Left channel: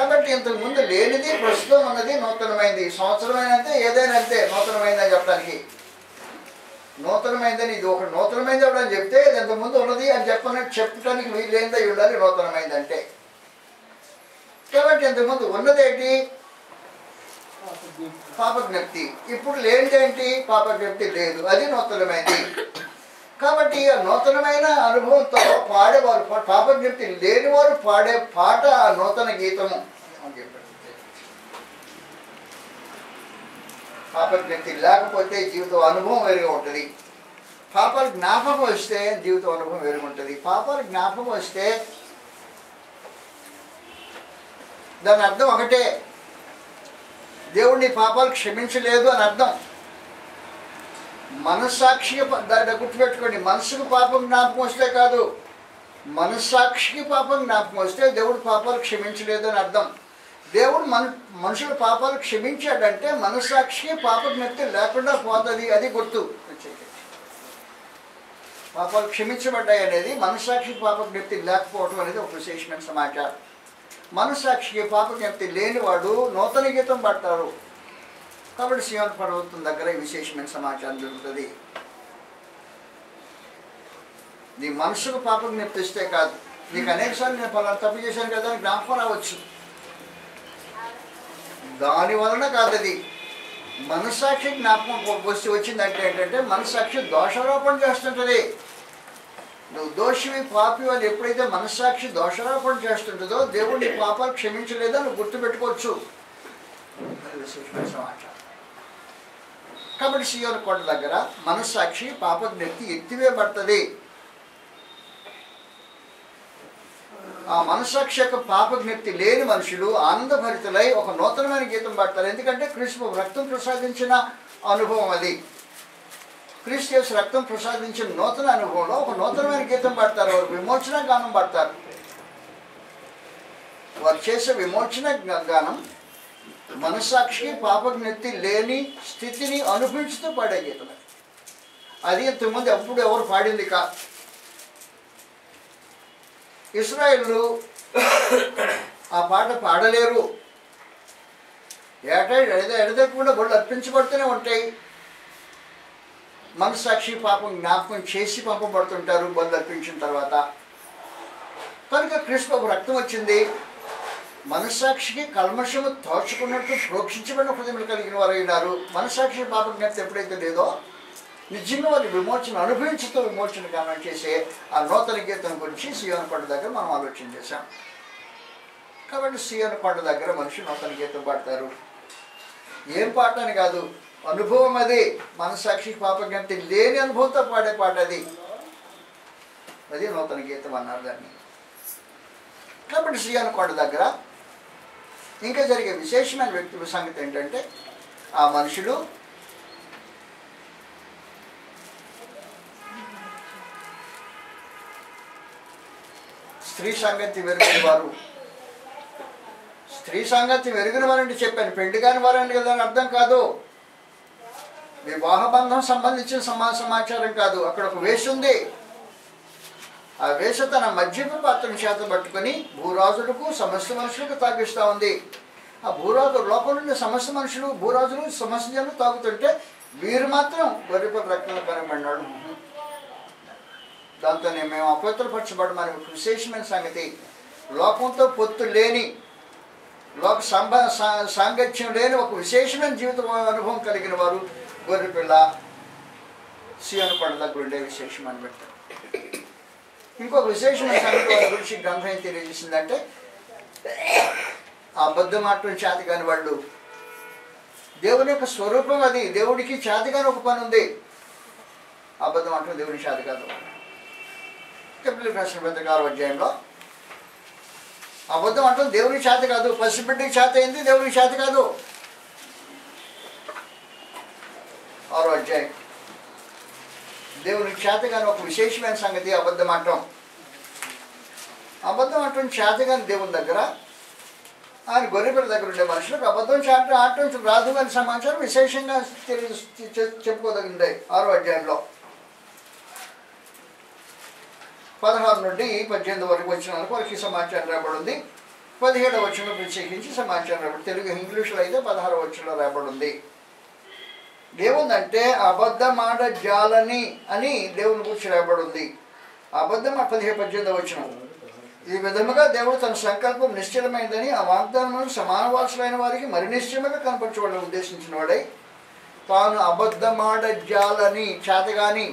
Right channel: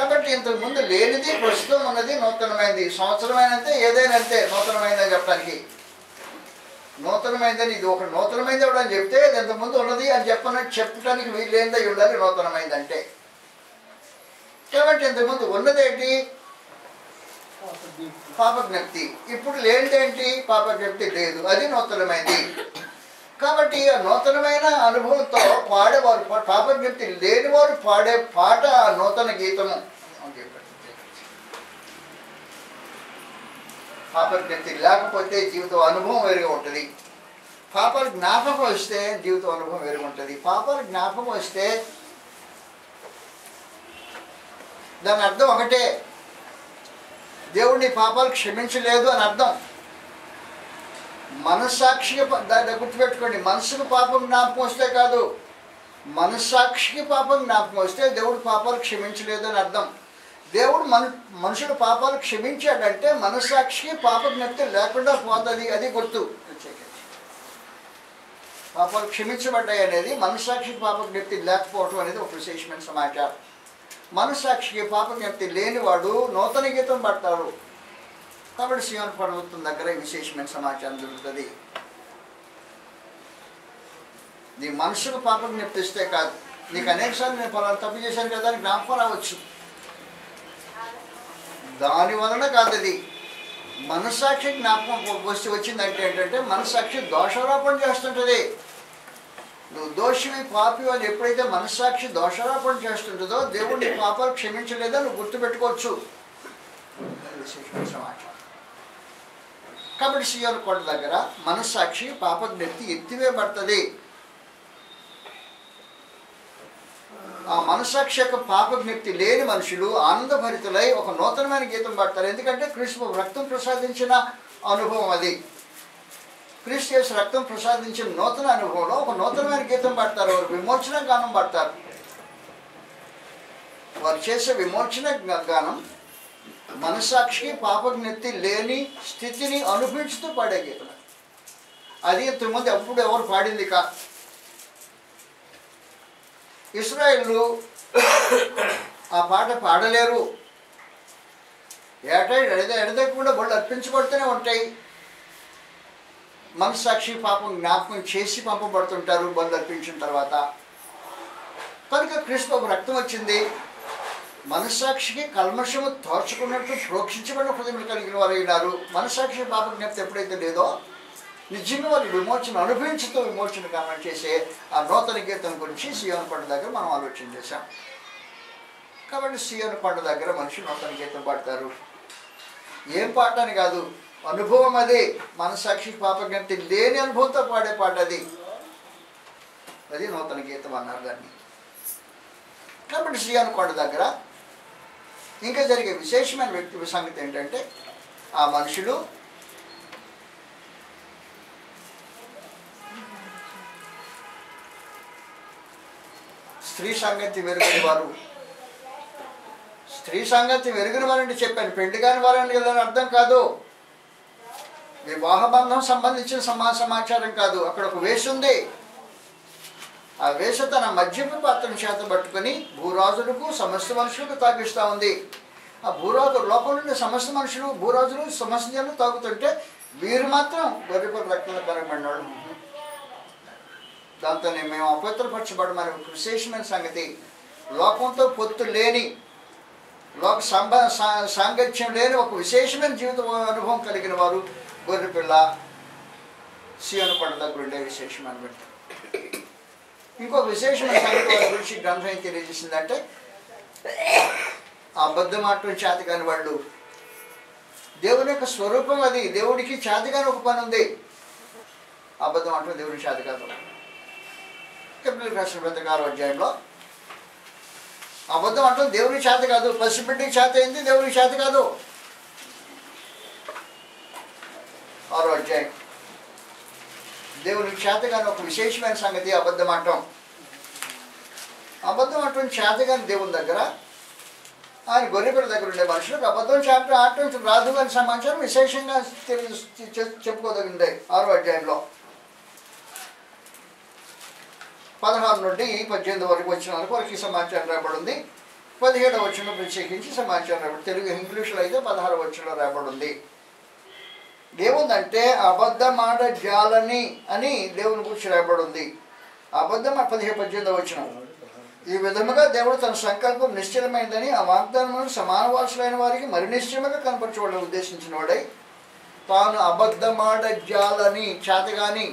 కాబట్టి ఇంతకుముందు లేనిది ప్రస్తుతం ఉన్నది నూతనమైనది. సంవత్సరమైనంతే ఏదైనా అంతే నూతనమైందని చెప్పడానికి. నూతనమైందని ఇది ఒక నూతనమైంది ఎవడని చెప్తే అది ఇంతకుముందు ఉన్నది అని చెప్పడానికి వీళ్ళేందై ఉండాలి నూతనమైంది అంటే. కాబట్టి ఇంతకుముందు ఉన్నదేంటి? పాపజ్ఞప్తి. ఇప్పుడు లేనిదేంటి? పాపజ్ఞప్తి లేదు, అది నూతనమైంది. కాబట్టి ఆ నూతనమైన అనుభవంతో పాడేవారు, పాపజ్ఞప్తి లేనివారు పాడే పాట ఆ నూతన గీతము. పాపజ్ఞప్తి లేకపోతే జీవితం అనుభవం వేరుగా ఉంటుంది. పాపాలు జ్ఞాపకం వస్తే జీవితం అనుభవం వేరుగా ఉంటుంది. పాపాలు జ్ఞాపకం వస్తే దాని అర్థం ఒకటే, దేవుడిని పాపాలు క్షమించలేదు అని అర్థం. మనస్సాక్షికి దాన్ని గుర్తుపెట్టుకోండి, మనసుకు పాపం జ్ఞాపకం వస్తే కాదు, మనస్సాక్షికి పాపం జ్ఞాపకం వస్తే దేవుడు పాపాలు క్షమించలేదు అని అర్థం. దేవుడు మనుషుల పాపాలు క్షమించాడంటే మనస్సాక్షికి పాప జ్ఞప్తి లేకుండా పోతుంది, అది గుర్తు. పాపాలు క్షమించబడ్డాయి అనేది మనస్సాక్షికి పాప జ్ఞప్తి లేకపోవడం అనేది ఒక విశేషమైన సమాచారం. మనస్సాక్షికి పాప జ్ఞప్తి లేనివాడు నూతన గీతం పడతారు. కాబట్టి సియోను పర్వతం దగ్గర విశేషమైన సమాచారం దొరుకుతుంది. నీ మనసుకు పాప జ్ఞప్తి ఇస్తే కాదు, నీకు అనేకసార్లు నేను పలానా తప్పు చేశాను కదా అని జ్ఞాపకం రావచ్చు, దాని వలన కాదు. అది మనస్సాక్షి జ్ఞాపకం వచ్చిందంటే ఏంటంటే మనస్సాక్షి దోషారోపణ చేస్తుంటుంది. నువ్వు దోషివి పాపి అని ఎప్పుడైతే మనస్సాక్షి దోషారోపణ చేస్తుంటుందో దేవుడు నీ పాపాలు క్షమించలేదో నువ్వు గుర్తుపెట్టుకోవచ్చు. విశేషమైన సమాచారం. కాబట్టి సియోను కొండ దగ్గర మనస్సాక్షి పాపజ్ఞప్తి ఎత్తివేయబడుతుంది. ఆ మనస్సాక్షి యొక్క పాపజ్ఞప్తి లేని మనుషులు ఆనందభరితులై ఒక నూతనమైన గీతం పాడతారు. ఎందుకంటే క్రీస్తు రక్తం ప్రసాదించిన అనుభవం అది. క్రీస్తు యేసు రక్తం ప్రసాదించిన నూతన అనుభవంలో ఒక నూతనమైన గీతం పాడతారు. వారు విమోచన గానం పాడతారు. వారు చేసే విమోచన గానం మనస్సాక్షికి పాపజ్ఞప్తి లేని స్థితిని అనుభవించుతూ పాడే గీతం. అది ఇంతకుముందు ఎప్పుడు ఎవరు పాడింది కాదు. ఇశ్రాయేలు ఆ పాట పాడలేరు. ఎడతెగకుండా బళ్ళు అర్పించబడుతూనే ఉంటాయి. మనస్సాక్షి పాపం జ్ఞాపకం చేసి పంపబడుతుంటారు బళ్ళు అర్పించిన తర్వాత. కనుక క్రీస్తు రక్తం వచ్చింది. మనస్సాక్షికి కల్మషము తోచుకున్నట్టు ప్రోక్షించబడిన హృదయములు కలిగిన వారు అయినారు. మనస్సాక్షి పాప జ్ఞప్తి ఎప్పుడైతే లేదో నిజంగా వారి విమోచన అనుభవించుతూ విమోచన గానం చేసే ఆ నూతన గీతం గురించి సియోను కొండ దగ్గర మనం ఆలోచన చేశాం. కాబట్టి సియోను కొండ దగ్గర మనిషి నూతన గీతం పాడతారు. ఏం పాట అని కాదు, అనుభవం అది. మనస్సాక్షికి పాపజ్ఞప్తి లేని అనుభవంతో పాడే పాట అది. అది నూతన గీతం అన్నారు దాన్ని. కాబట్టి సియోను కొండ దగ్గర ఇంకా జరిగే విశేషమైన వ్యక్తి సంగతి ఏంటంటే ఆ మనుషులు స్త్రీ సంగతి వెరుగుని వారు. స్త్రీ సంగతి వెరుగుని వారంటే చెప్పాను, పెళ్లి కాని వారండి కదా అని అర్థం కాదు. వివాహ బంధం సంబంధించిన సమాచారం కాదు. అక్కడ ఒక వేష ఉంది. ఆ వేష తన మద్యపు పాత్రను చేత పట్టుకొని భూరాజులకు సమస్త మనుషులకు తాగిస్తూ ఉంది. ఆ భూరాజు లోపల నుండి సమస్త మనుషులు భూరాజులు సమస్త జనులు తాగుతుంటే వీరు మాత్రం గొర్రెపల రక్తంలో కనబడినాడు. దాంతోనే మేము అపవిత్రపరచబడమని ఒక విశేషమైన సంగతి. లోకంతో పొత్తు లేని, లోక సాంగత్యం లేని ఒక విశేషమైన జీవిత అనుభవం కలిగిన వారు గొర్రెపిల్ల సియోను కొండ దగ్గర ఉండే విశేషమైన వ్యక్తి. ఇంకొక విశేషమైన సంగతి వారి గురించి గ్రంథం ఏం తెలియజేసిందంటే అబద్ధం ఆడటం చేతగాని వాళ్ళు. దేవుని యొక్క స్వరూపం అది. దేవుడికి చేతగాని ఒక పని ఉంది. అబద్ధం ఆడటం దేవుడికి చేత కాదు. హెబ్రీయులకు రాసిన పత్రిక 6వ అధ్యాయంలో అబద్ధం అంటాం దేవునికి చేత కాదు. పసిబిడ్డకి చేత అయింది, దేవునికి చేత కాదు. 6వ అధ్యాయం. దేవునికి చేతగాని ఒక విశేషమైన సంగతి అబద్ధం అంటాం. అబద్ధం అంటాం చేతగాని దేవుని దగ్గర, ఆయన గొర్రెపిల్ల దగ్గర ఉండే మనుషులకు అబద్ధం ఆడటం రాదు అని సమాచారం విశేషంగా చెప్పుకోదగింది 6వ అధ్యాయంలో 16 నుండి 18 వరకు వచ్చిన వరకు ఈ సమాచారం రాబడింది. 17వ వచనం ప్రత్యేకించి సమాచారం రాబడి, తెలుగు ఇంగ్లీష్లో అయితే 16వ వచనంలో రాబడి ఉంది. ఏముందంటే అబద్ధమాట జాలని అని దేవుని గురించి రాబడి ఉంది. అబద్ధం 17-18వ వచనం. ఈ విధముగా దేవుడు తన సంకల్పం నిశ్చలమైందని ఆ వాగ్దానములను సమాన వారసులైన వారికి మరి నిశ్చయముగా కనపరచవాలని ఉద్దేశించిన వాడై తాను అబద్ధమాట జాలని చేతగాని,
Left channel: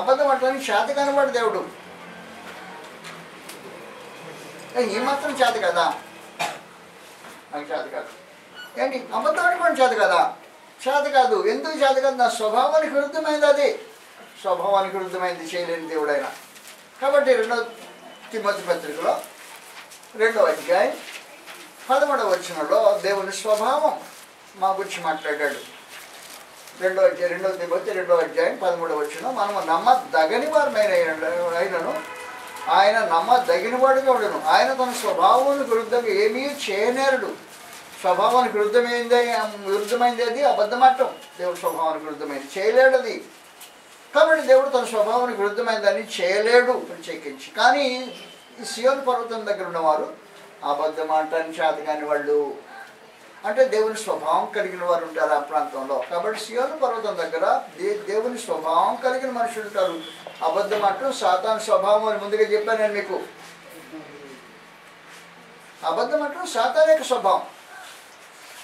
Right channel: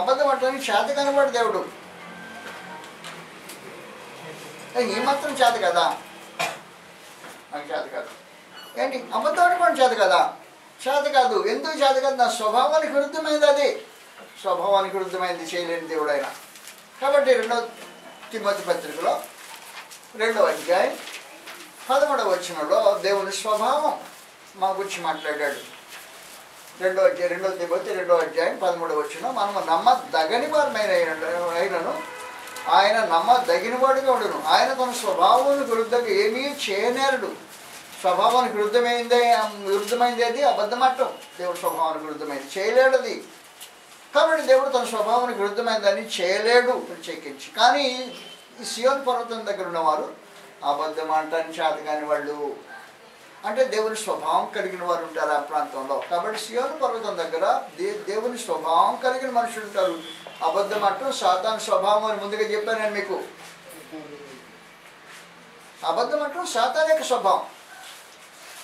అబద్ధం అంటానికి చేతగాని వాడు దేవుడు. ఈ మాత్రం చేత కదా, నాకు చేత కాదు ఏంటి, అబద్ధం ఆడుకోవడం చేత కదా, చేత కాదు. ఎందుకు చేత కాదు? నా స్వభావానికి విరుద్ధమైంది, అది స్వభావానికి విరుద్ధమైంది, చేయలేని దేవుడు ఆయన. కాబట్టి 2వ తిమోతి పత్రికలో 2వ అధ్యాయం 13వ వచనంలో దేవుని స్వభావం మా గురించి మాట్లాడాడు. 2వ తిమోతి 2వ అధ్యాయం 13వ వచనం, మనము నమ్మదగని వారమైన అయినను ఆయన నమ్మదగిన వాడుగా ఉండను. ఆయన తన స్వభావానికి విరుద్ధంగా ఏమీ చేయనేరడు. స్వభావానికి విరుద్ధమైంది అది అబద్ధమాటం. దేవుడు స్వభావానికి విరుద్ధమైంది చేయలేడు అది. కాబట్టి దేవుడు తన స్వభావానికి విరుద్ధమైనదాన్ని చేయలేడు ప్రత్యేకించి. కానీ ఈ సియోను పర్వతం దగ్గర ఉన్నవారు అబద్ధమాటాన్ని చేతగాని వాళ్ళు, అంటే దేవుని స్వభావం కలిగిన వారు ఉంటారు ఆ ప్రాంతంలో. కాబట్టి సియోను పర్వతం దగ్గర దేవుని స్వభావం కలిగిన మనుషులు ఉంటారు. అబద్ధమాటం సాతాను స్వభావం అని ముందుగా చెప్పాను నేను మీకు. అబద్ధమాటం సాతాను యొక్క స్వభావం,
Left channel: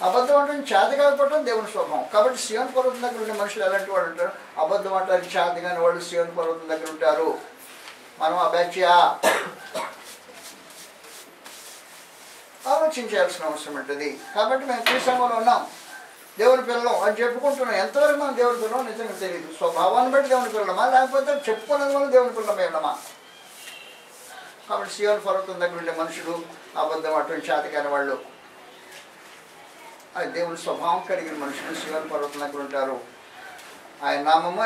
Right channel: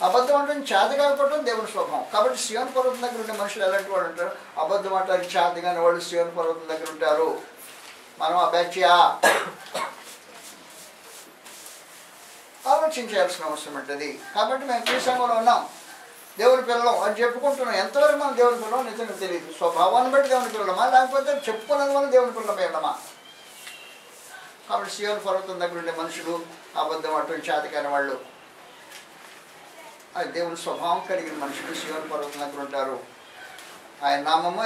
అబద్ధం అంటే చేత కాకపోవడం దేవుని స్వభావం. కాబట్టి సియోను పర్వతం దగ్గర ఉండే మనుషులు ఎలాంటి వాళ్ళు ఉంటారు? అబద్ధం అంటారు చేత కాని వాళ్ళు సియోను పర్వతం దగ్గర ఉంటారు. మనం ఆ బ్యాచ్యా ఆలోచించాల్సిన అవసరం ఉంటుంది. కాబట్టి మేము క్రీస్తులో ఉన్నాం, దేవుని పిల్లలం అని చెప్పుకుంటున్నాం. ఎంతవరకు మనం దేవుని పిల్లలం నిజంగా తెలియదు. స్వభావాన్ని బట్టి దేవుని పిల్లలమా, లేకపోతే చెప్పుకున్నది మనం దేవుని పిల్లలమై ఉన్నామా? కాబట్టి సియోను పర్వతం దగ్గర ఉండే మనుషులు అబద్ధం అటువంటి చేతకాని వాళ్ళు, అది దేవుని స్వభావం కలిగిన మనుషులు సియోను పర్వతం దగ్గర ఉంటారు. ఆయన నామము,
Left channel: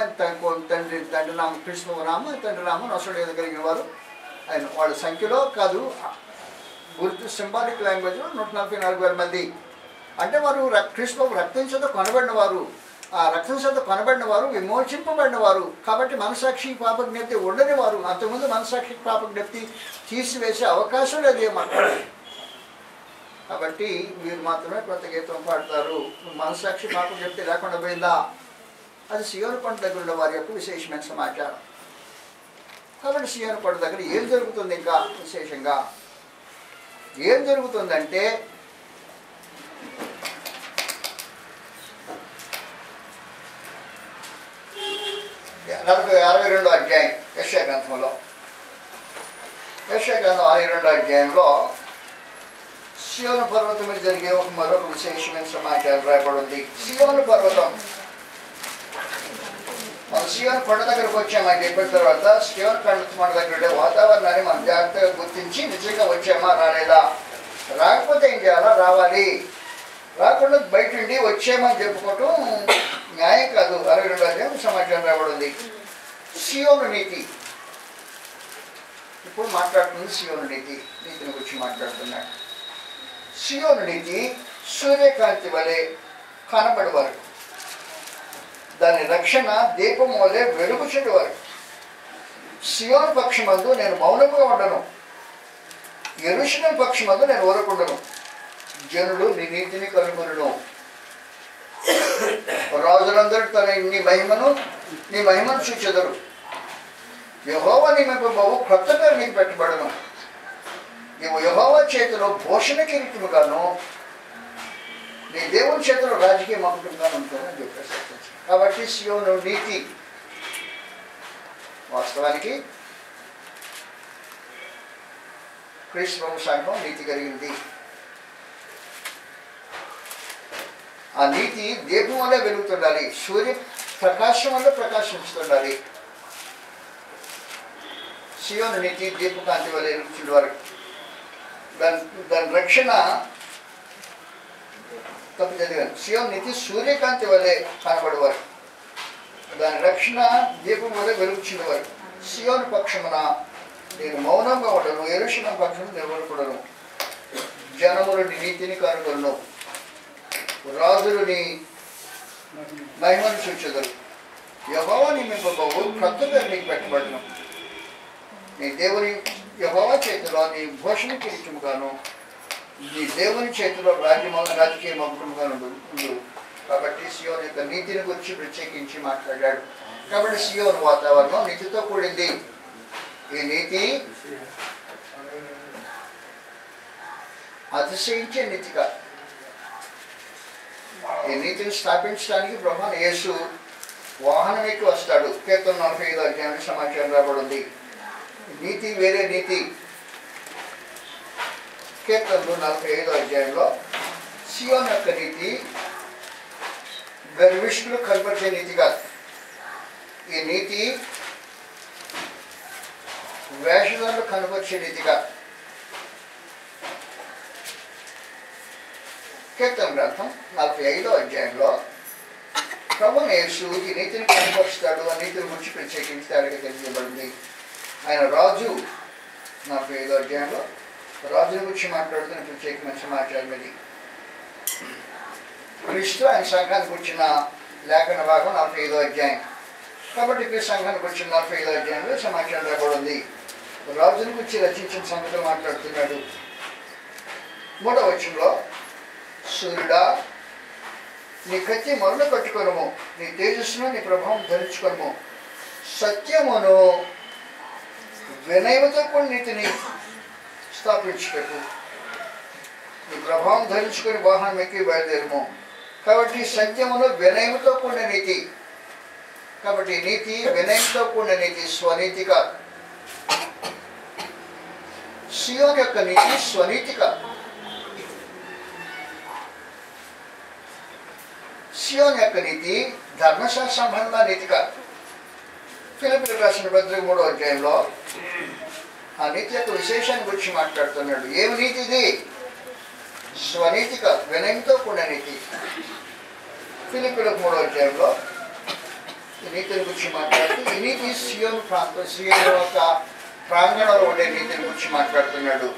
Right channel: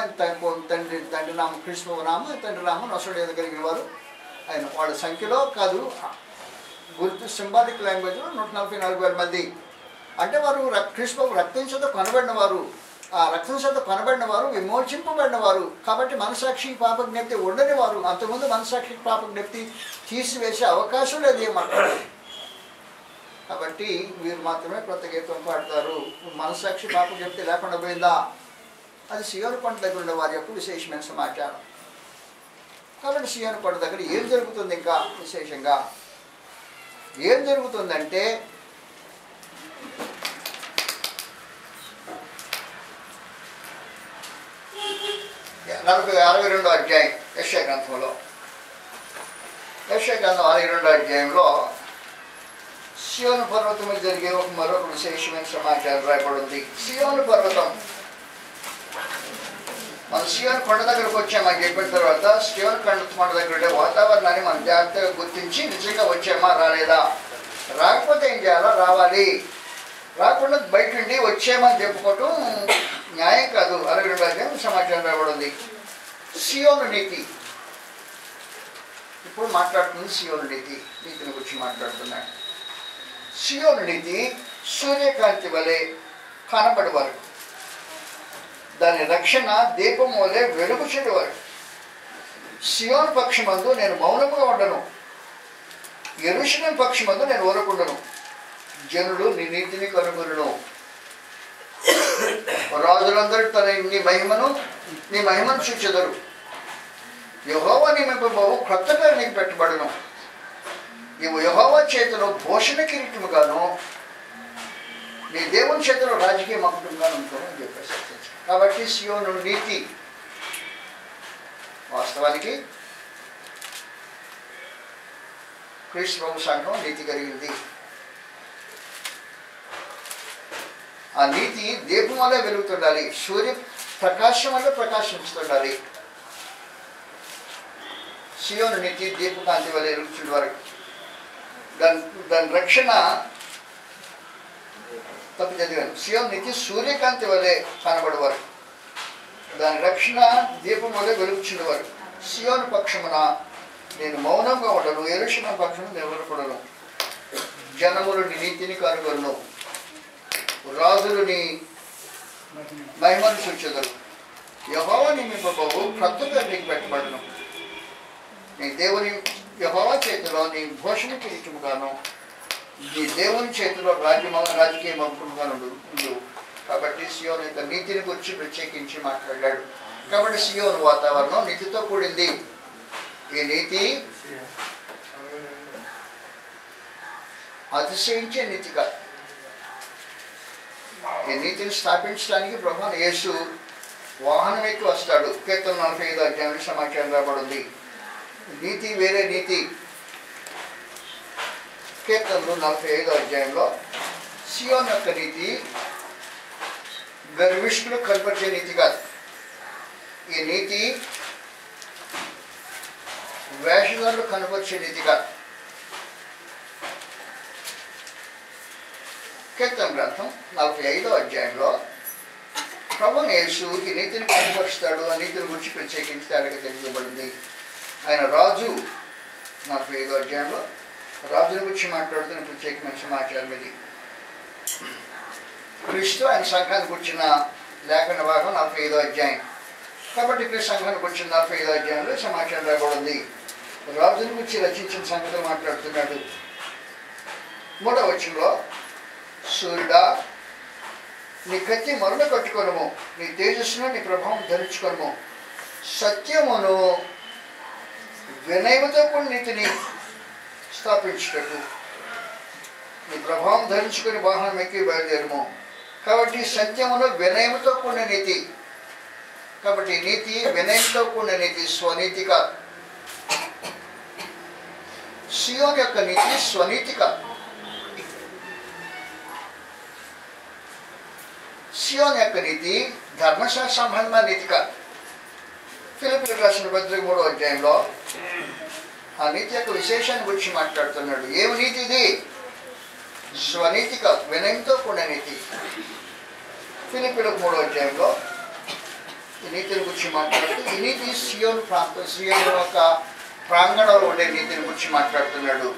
తండ్రి నామం క్రీస్తు నామం, తండ్రి నామం నొసడు కలిగిన వారు ఆయన. వాళ్ళ సంఖ్యలో కాదు, గుర్తు సింబాలిక్ లాంగ్వేజ్లో 144,000 మంది. అంటే వారు క్రీస్తు రక్తం చేత కొనబడిన వారు. ఆ రక్తం చేత కొనబడిన వారు విమోచింపబడిన వారు. కాబట్టి మనసాక్షి పాప జ్ఞప్తి ఉండని వారు. అంతకుముందు మనసాక్షి పాప జ్ఞప్తి తీసివేసే అవకాశం లేదు ఏమాట. కాబట్టి వీరు మాత్రమే కొత్త గీతం పాడతారు. మనసాక్షి పాప జ్ఞప్తి లేకుండా పోయిందా? అది సియోను కొండ దగ్గర ఉన్న వారి యొక్క విశేషమైన సమాచారం. కాబట్టి సియోను కొండ దగ్గర ఏం జరుగుతుంది? ఇంకా విశేషంగా ఏం జరుగుతుందంటే, 62వ అధ్యాయం యెషయా గ్రంథంలో, యెషయా గ్రంథం 62వ అధ్యాయంలో సియోను పర్వతం మీద జరిగే మరొక విశేషమైన సమాచారం రాయబడింది. సియోను పర్వతం, మనం సియోను కొండ దగ్గరకు వచ్చామని చెప్పిన తర్వాత సియోను కొండ దగ్గర ఉండే వాతావరణాన్ని మనం జాగ్రత్తగా గుర్తించి నిజంగా వచ్చామా రాలేదా, రాకపోతే ఏం చేయాలా, రావాలి. రాకుండా బయట నుండి వచ్చామని చెప్పుకోవటం న్యాయం కాదు. 62వ అధ్యాయం సమాచారం రాబడింది. సియోను నీతి, ఇప్పుడు మాట్లాడుతుంది సియోను నీతిని గురించి మాట్లాడుతున్నాడు. సియోను నీతి సూర్యకాంతి వలె కనబడేవారు, దాని రక్షణ దీపం వలె వెలుగు చెడువారు. సియోను పక్షమందు నేను మౌనంగా ఉండను, యెరూషలేము పక్షమందు నేను ఊరకుండను. జనులు నీ నీతిని కనుగొనును, రాజులందరూ తన నీ మహిమను చూచెదరు. యెహోవా నియమింపబోవు క్రొత్త పేరు నీకు పెట్టబడును. నీవు యెహోవా చేతిలో భూషణ కిరీటముగాను నీ దేవుని చేతిలో రాజకీయ మకుటంగాను ఉంటావు అని చెప్పేసి. కాబట్టి సియోను నీతి వాస్తవానికి క్రీస్తు సంఘం నీతి కలిగింది. ఆ నీతి దీపం వల్ల వెలుగుతుండాలి, సూర్య ప్రకాశం వల్ల ప్రకాశించుతుండాలి. సియోను నీతి దీపకాంతి వల్ల వెలుగుతుండేవారు. దాని రక్షణ తప్పు చదివాను. సియోను నీతి సూర్యకాంతి వల్లే కనబడేవారు, దాని రక్షణ దీపం వల్ల వెలుగుచుండేవారు. సియోను పక్షమున నేను మౌనంగా ఉండను, యెరూషలేము పక్షమున నిలబడకూడను. జనములు నీ నీతిని కనుగొను, రాజులు నీ మహిమను చూచెదరు. యెహోవా నియమింపబోవు క్రొత్త పేరు నీకు పెట్టబడును. నీ దేవుని యెహోవా చేతిలో నీ భూషణ కిరీటముగాను ఈ దేవుని చేతిలో రాజకీయ మగుటముగా ఉండవు. కాబట్టి సియోను యొక్క నీతిని గురించి ప్రత్యేకించి మాట్లాడాడు. కాబట్టి సియోను వాతావరణం నీతితో కూడింది. ఈ నీతి అతిశయించే నీతిగా, ఈ నీతిని స్థాపించడానికి ప్రభువైన యేసు వాహనం ఎక్కి వస్తాడు. కీర్తన 45 అధ్యాయం సమాచారం రాబడింది. నీతి వేరే నీతి. కీర్తనలు 45 అధ్యాయంలో సియోను యొక్క నీతి గర్విష్ఠులు కనపరిచే నీతి కాదు. ఈ నీతి వేషగాళ్ళు కనపరిచే నీతి కాదు. కీర్తన గ్రంథం 45 అధ్యాయంలో ప్రభువైన యేసు ఈ నీతిని కనపరుస్తాడు. ఆ నీతిని గురించి ప్రత్యేకించి తేడాగా తెలియజేయబడింది. ఆయన రాజు 45 అధ్యాయంలో రాజుని గురించి మాట్లాడుతున్న ప్రత్యేకమైన సమాచారం ఇది. క్రీస్తు ఆయన సంఘాన్ని గురించిన లేఖన భాగం 45 అధ్యాయం. కాబట్టి క్రీస్తు సంఘాన్ని గురించిన 45 అధ్యాయంలో సమాచారం రాబడింది. రాజుని గురించి రచించిన సంగతులు మాట్లాడుతున్నాడు. 3వ వచనంలో, సూర్యుడా నీ కత్తి మరుణ కట్టుకొనుము, నీ తేజస్సును నీ ప్రభావం ధరించుకొనుము, సత్యమును వినయముతో కూడిన నీతిని స్థాపించుటకు నీ ప్రభావం ధరించుకొని వాహనం ఎక్కి బయలుదేరము. కాబట్టి సత్యమును వినయముతో కూడిన నీతి. కాబట్టి నీతి వినయంతో కూడిన నీతి, స్వనీతి కాదు. సియోను యొక్క నీతి స్వనీతి కాదు. సియోను యొక్క నీతి ధర్మశాస్త్ర సంబంధమైన నీతి కాదు. ఫిలిప్పీయులకు రాసిన పత్రిక 3వ అధ్యాయంలో ఆ నీతి యొక్క విశేషాన్ని గురించి మాట్లాడుతున్నాడు. ఏమి నీతి ఇది? స్వనీతి కాదు, వినయంతో కూడిన నీతి. ఫిలిప్పీయులకు 3వ అధ్యాయంలో ఈ నీతిని గురించి మాట్లాడుతూ ఈ నీతి సియోను యొక్క ప్రాంగణంలో ఉండే నీతిని గురించి మాట్లాడుతున్నాడు.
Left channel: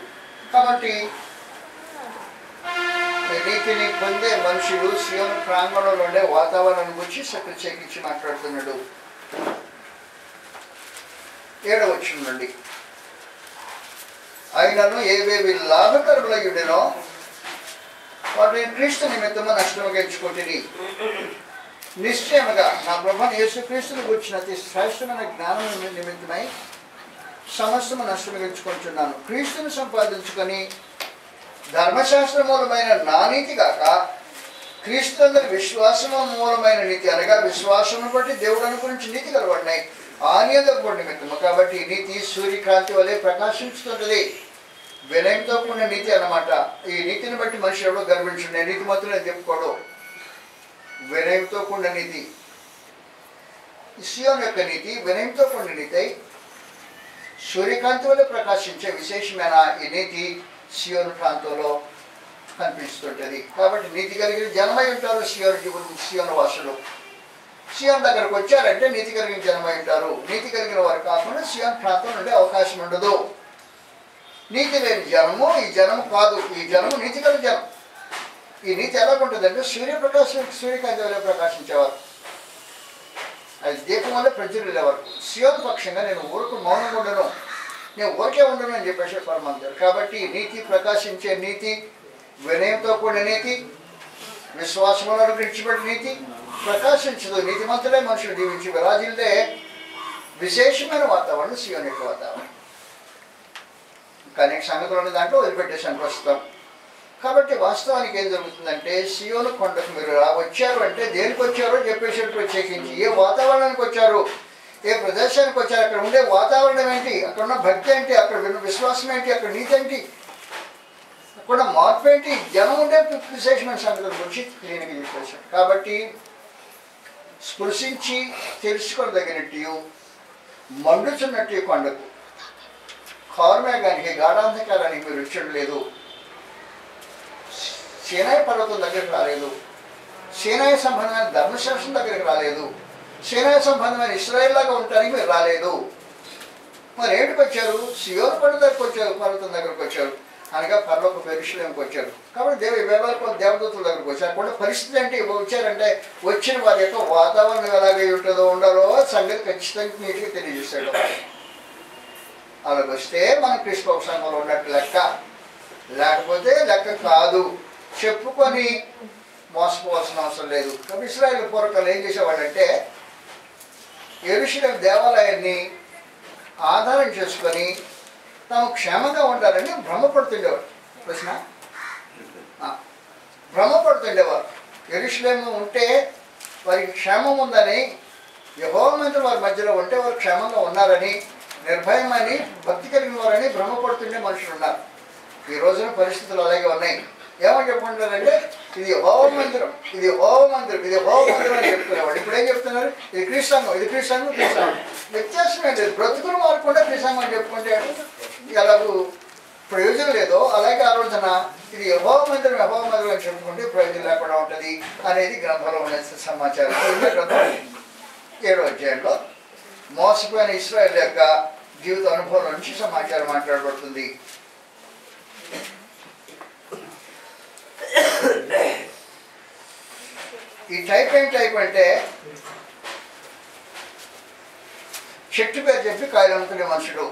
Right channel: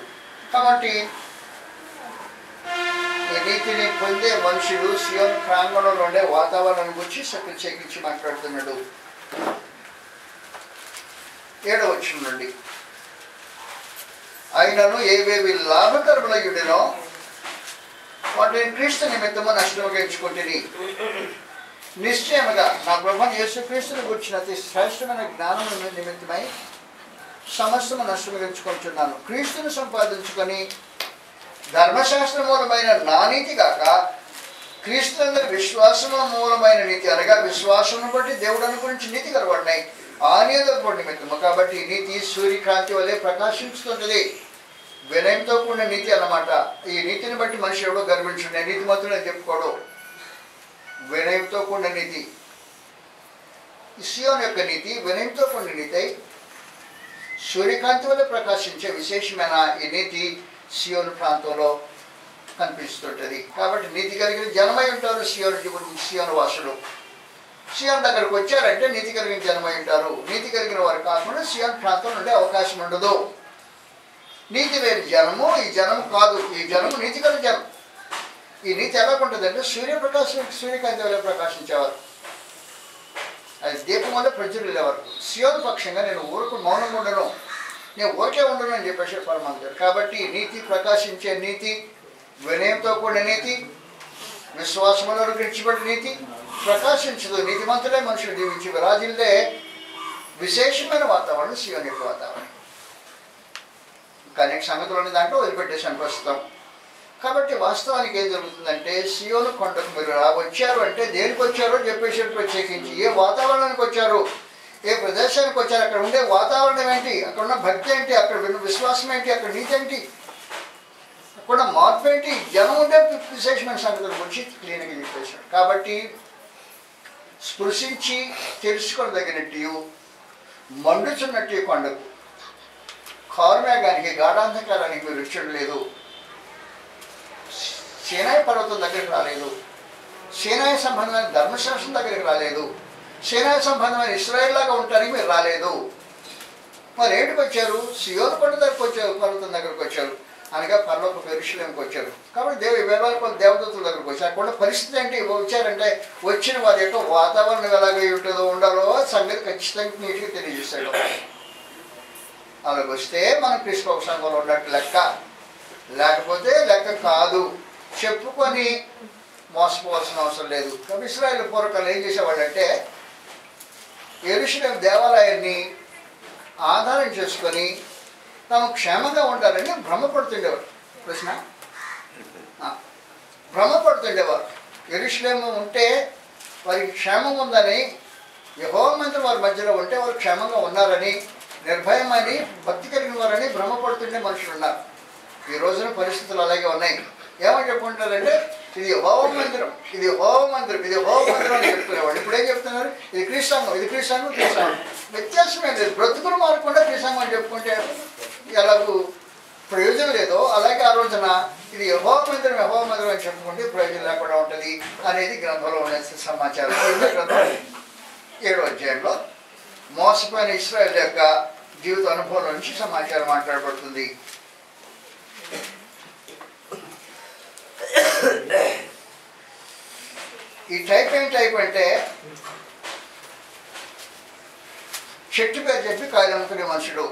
కాబట్టి ఈ నీతిని పొందే మనుషులు సియోను ప్రాంగణంలో ఉండే వాతావరణం గురించి ప్రత్యేకించి మాట్లాడుతున్నాడు. 7వ వచనం నుండి, ఆయనను ఏవేవి లాభకరములయుడినో వాటిని క్రీస్తు నిమిత్తము నష్టముగా ఎంచుకుంటుని, నిశ్చయముగా నా ప్రభువైన యేసుక్రీస్తుని గురించిన అతి శ్రేష్టమైన జ్ఞానం నిమిత్తమై సమస్తము నష్టముగా ఎంచుకుంటున్నాను. క్రీస్తుని సంపాదించుకొని ధర్మశాస్త్ర మూలమైన నా నీతి కాక క్రీస్తు విశ్వాసము మూలమైన నీతి, అనగా విశ్వాసమును బట్టి దేవుడు అనుగురించి నీతి కలబడినాయి ఆనియదపడి నిమిత్తము. కాబట్టి ఈ నీతి సూర్యకాంతి వలె ప్రకాశించుతుంటది. వినయంతో కూడిన నీతి అన్నమాట. ఈ నీతిని బట్టి మనిషి ఎవడో గర్వించుండే నీతి మాత్రం చెప్పుకోడు. వినయంతో కూడిన నీతి. సియోను యొక్క నీతి వినయంతో కూడిన నీతి అయి సూర్యకాంతి వల్ల ప్రకాశించే విశేషమైన ఈ నీతి సియోను ప్రాంతంలో కనిపిస్తుంటుంది. కాబట్టి నీతి కలిగిన జనమై ఉంటారు సియోను వాసులు. సియోను దగ్గరకు వచ్చారంటే నీతి కలిగిన జనమై ఉంటారు. నీతి కలిగిన వారు కాకుండా సియోను ప్రాంతం నుండి అవకాశం ఉండదు. నీతి లేని జనము ఈ జనము కాదు. ఈ జనము నీతి కలిగిన జనం. ఈ నీతి ఎలా ఉంటుందంటే సూర్యకాంతి వల్ల ప్రకాశించేవారు. అది దీపం వల్ల ప్రజ్వలిల్లేవారు. సియోను పక్షంగా నేను మౌనంగా ఉండను, నేను ఊరికే ఉండను అని చెప్పేసి పరమాంతారు. కాబట్టి నీతి ప్రకాశించే నీతి, వినయంతో కూడిన నీతి, విశ్వాసములో విడిచిపెట్టిన నీతి ప్రకాశించదు. నీతిమంతులే మనుషులు జీవించి విరాజిల్లే విశేషమైన వాతావరణం సియోను యొక్క వాతావరణం. కానీ సంగతులు దాంట్లో వదిలిపెట్టేసాను ప్రస్తుతం. కాబట్టి వాస్తవానికి ఏం జరుగుతుందంటే సియోను కొండకు మీరు వచ్చారు అంటే దేనికి వచ్చారో చెప్పేసి ప్రత్యేకించి ఏ వాతావరణానికి వచ్చారు, ఏ ప్రదేశానికి వచ్చారు, అక్కడ ఉండే వాతావరణం ఏంటి, అక్కడ ఉన్న భక్తి ఏంటి, అక్కడ విశ్వాసం ఏంటి, అక్కడ నీతి ఏంటి, అక్కడ మార్పు ఏంటి, జనం ఉండే విశేషమైన సంగతుల గురించి క్లీన్గా చెప్పేశారు. కాబట్టి స్పృశించి తెలుసుకోదగినట్టు మండుచున్నట్టు కొండకు కారుమేఘానికి గాఢాంధకారానికి మీరు వచ్చడం లేదు. సీనాయి పర్వతం దగ్గరికి రాలేదు. సీనాయి సంబంధమైన ధర్మశాస్త్రం దగ్గరికి రాలేదు. సీనాయి సంబంధమైన ఇశ్రాయేల్ లాగా ఉంటారని మీరు రాలేదు. మరి ఏంటికి వచ్చారు? సియోను కొండ దగ్గరకు వచ్చారు, పర్వతం దగ్గరకు వచ్చారు, అనగా పర్లోక యెరూషలేముకి వచ్చారు. కాబట్టి వేల కొద్ది దేవదూతుల దగ్గరకు వచ్చారు. అక్కడ పరిస్థితి ఏంటి? వచ్చారంటే వచ్చిన వారి యొక్క వాతావరణం ఎలాగై ఉంటుందో ఉండాలో సంగతి ఖచ్చితంగా నీట్గా తెలియజేశాడు. అలాగ వస్తే మనం క్రీస్తు సంఘంలో ఉన్నట్టు లెక్క. లేకపోతే లెక్క కాదు. చెప్పుకొని మోసపోవాల్సిన అవసరం లేదు. కాబట్టి ఇశ్రాయేలు పూర్వకాలు ఏం చేసేవాళ్ళంటే యెరూషలేము దేవాలయాన్ని ఆధారం చేసుకొని తాము క్షేమంగా ఉండాలని భ్రమపడుతుండేవారు. ప్రశ్న భ్రమపడుతుండేవారు. యెరూషలేము ఉంటే వారికి క్షేమం ఉందని, యెహోవా మందిరం వారి మధ్యలో ఉంటే వారు క్షేమంగా ఉన్నారని, నిర్భయమని, భక్తి కలిగిన వారని భ్రమపడుతుండే మనుషులు ఉన్నారు. ఈ రోజున పరిస్థితులు అలాగే ఉన్నాయి. ఏమని చెప్పుకుంటారంటే ఇది యెహోవా మందిరం, ఇది యెహోవా మందిరం, ఇది యెహోవా మందిరం అని చెప్తున్నవాడు. ఇప్పుడు ఏం చెప్తున్నారు? ఇది క్రీస్తాంగం, ఇది క్రీస్తాంగం, క్రీస్తాంగం. వ్యత్యాసం ఏంటి? బ్రతుకులు మారకుండా క్రీస్తాంగం అని చెప్పుకుంటే ఎలాగూ ప్రయోజనం లేదో అలాగే ఆ రోజున ఇది యెహోవా మందిరం, యెహోవా మందిరం అని చెప్పుకుంటే ప్రయోజనం లేకుండా ఉంటుంది అనేది గ్రంథంలో ఉన్న సమాచారం. 7వ అధ్యాయంలో మోసపోయిన ఇశ్రాయేలు యొక్క జీవిత అనుభవం నుంచి సమాచారం మాట్లాడబడుతుంది. ఈ టైప్ ఏం టైప్ అంటే చెట్టు పేరు చెప్పి కాయలు అమ్ముకునే మనుషుడు.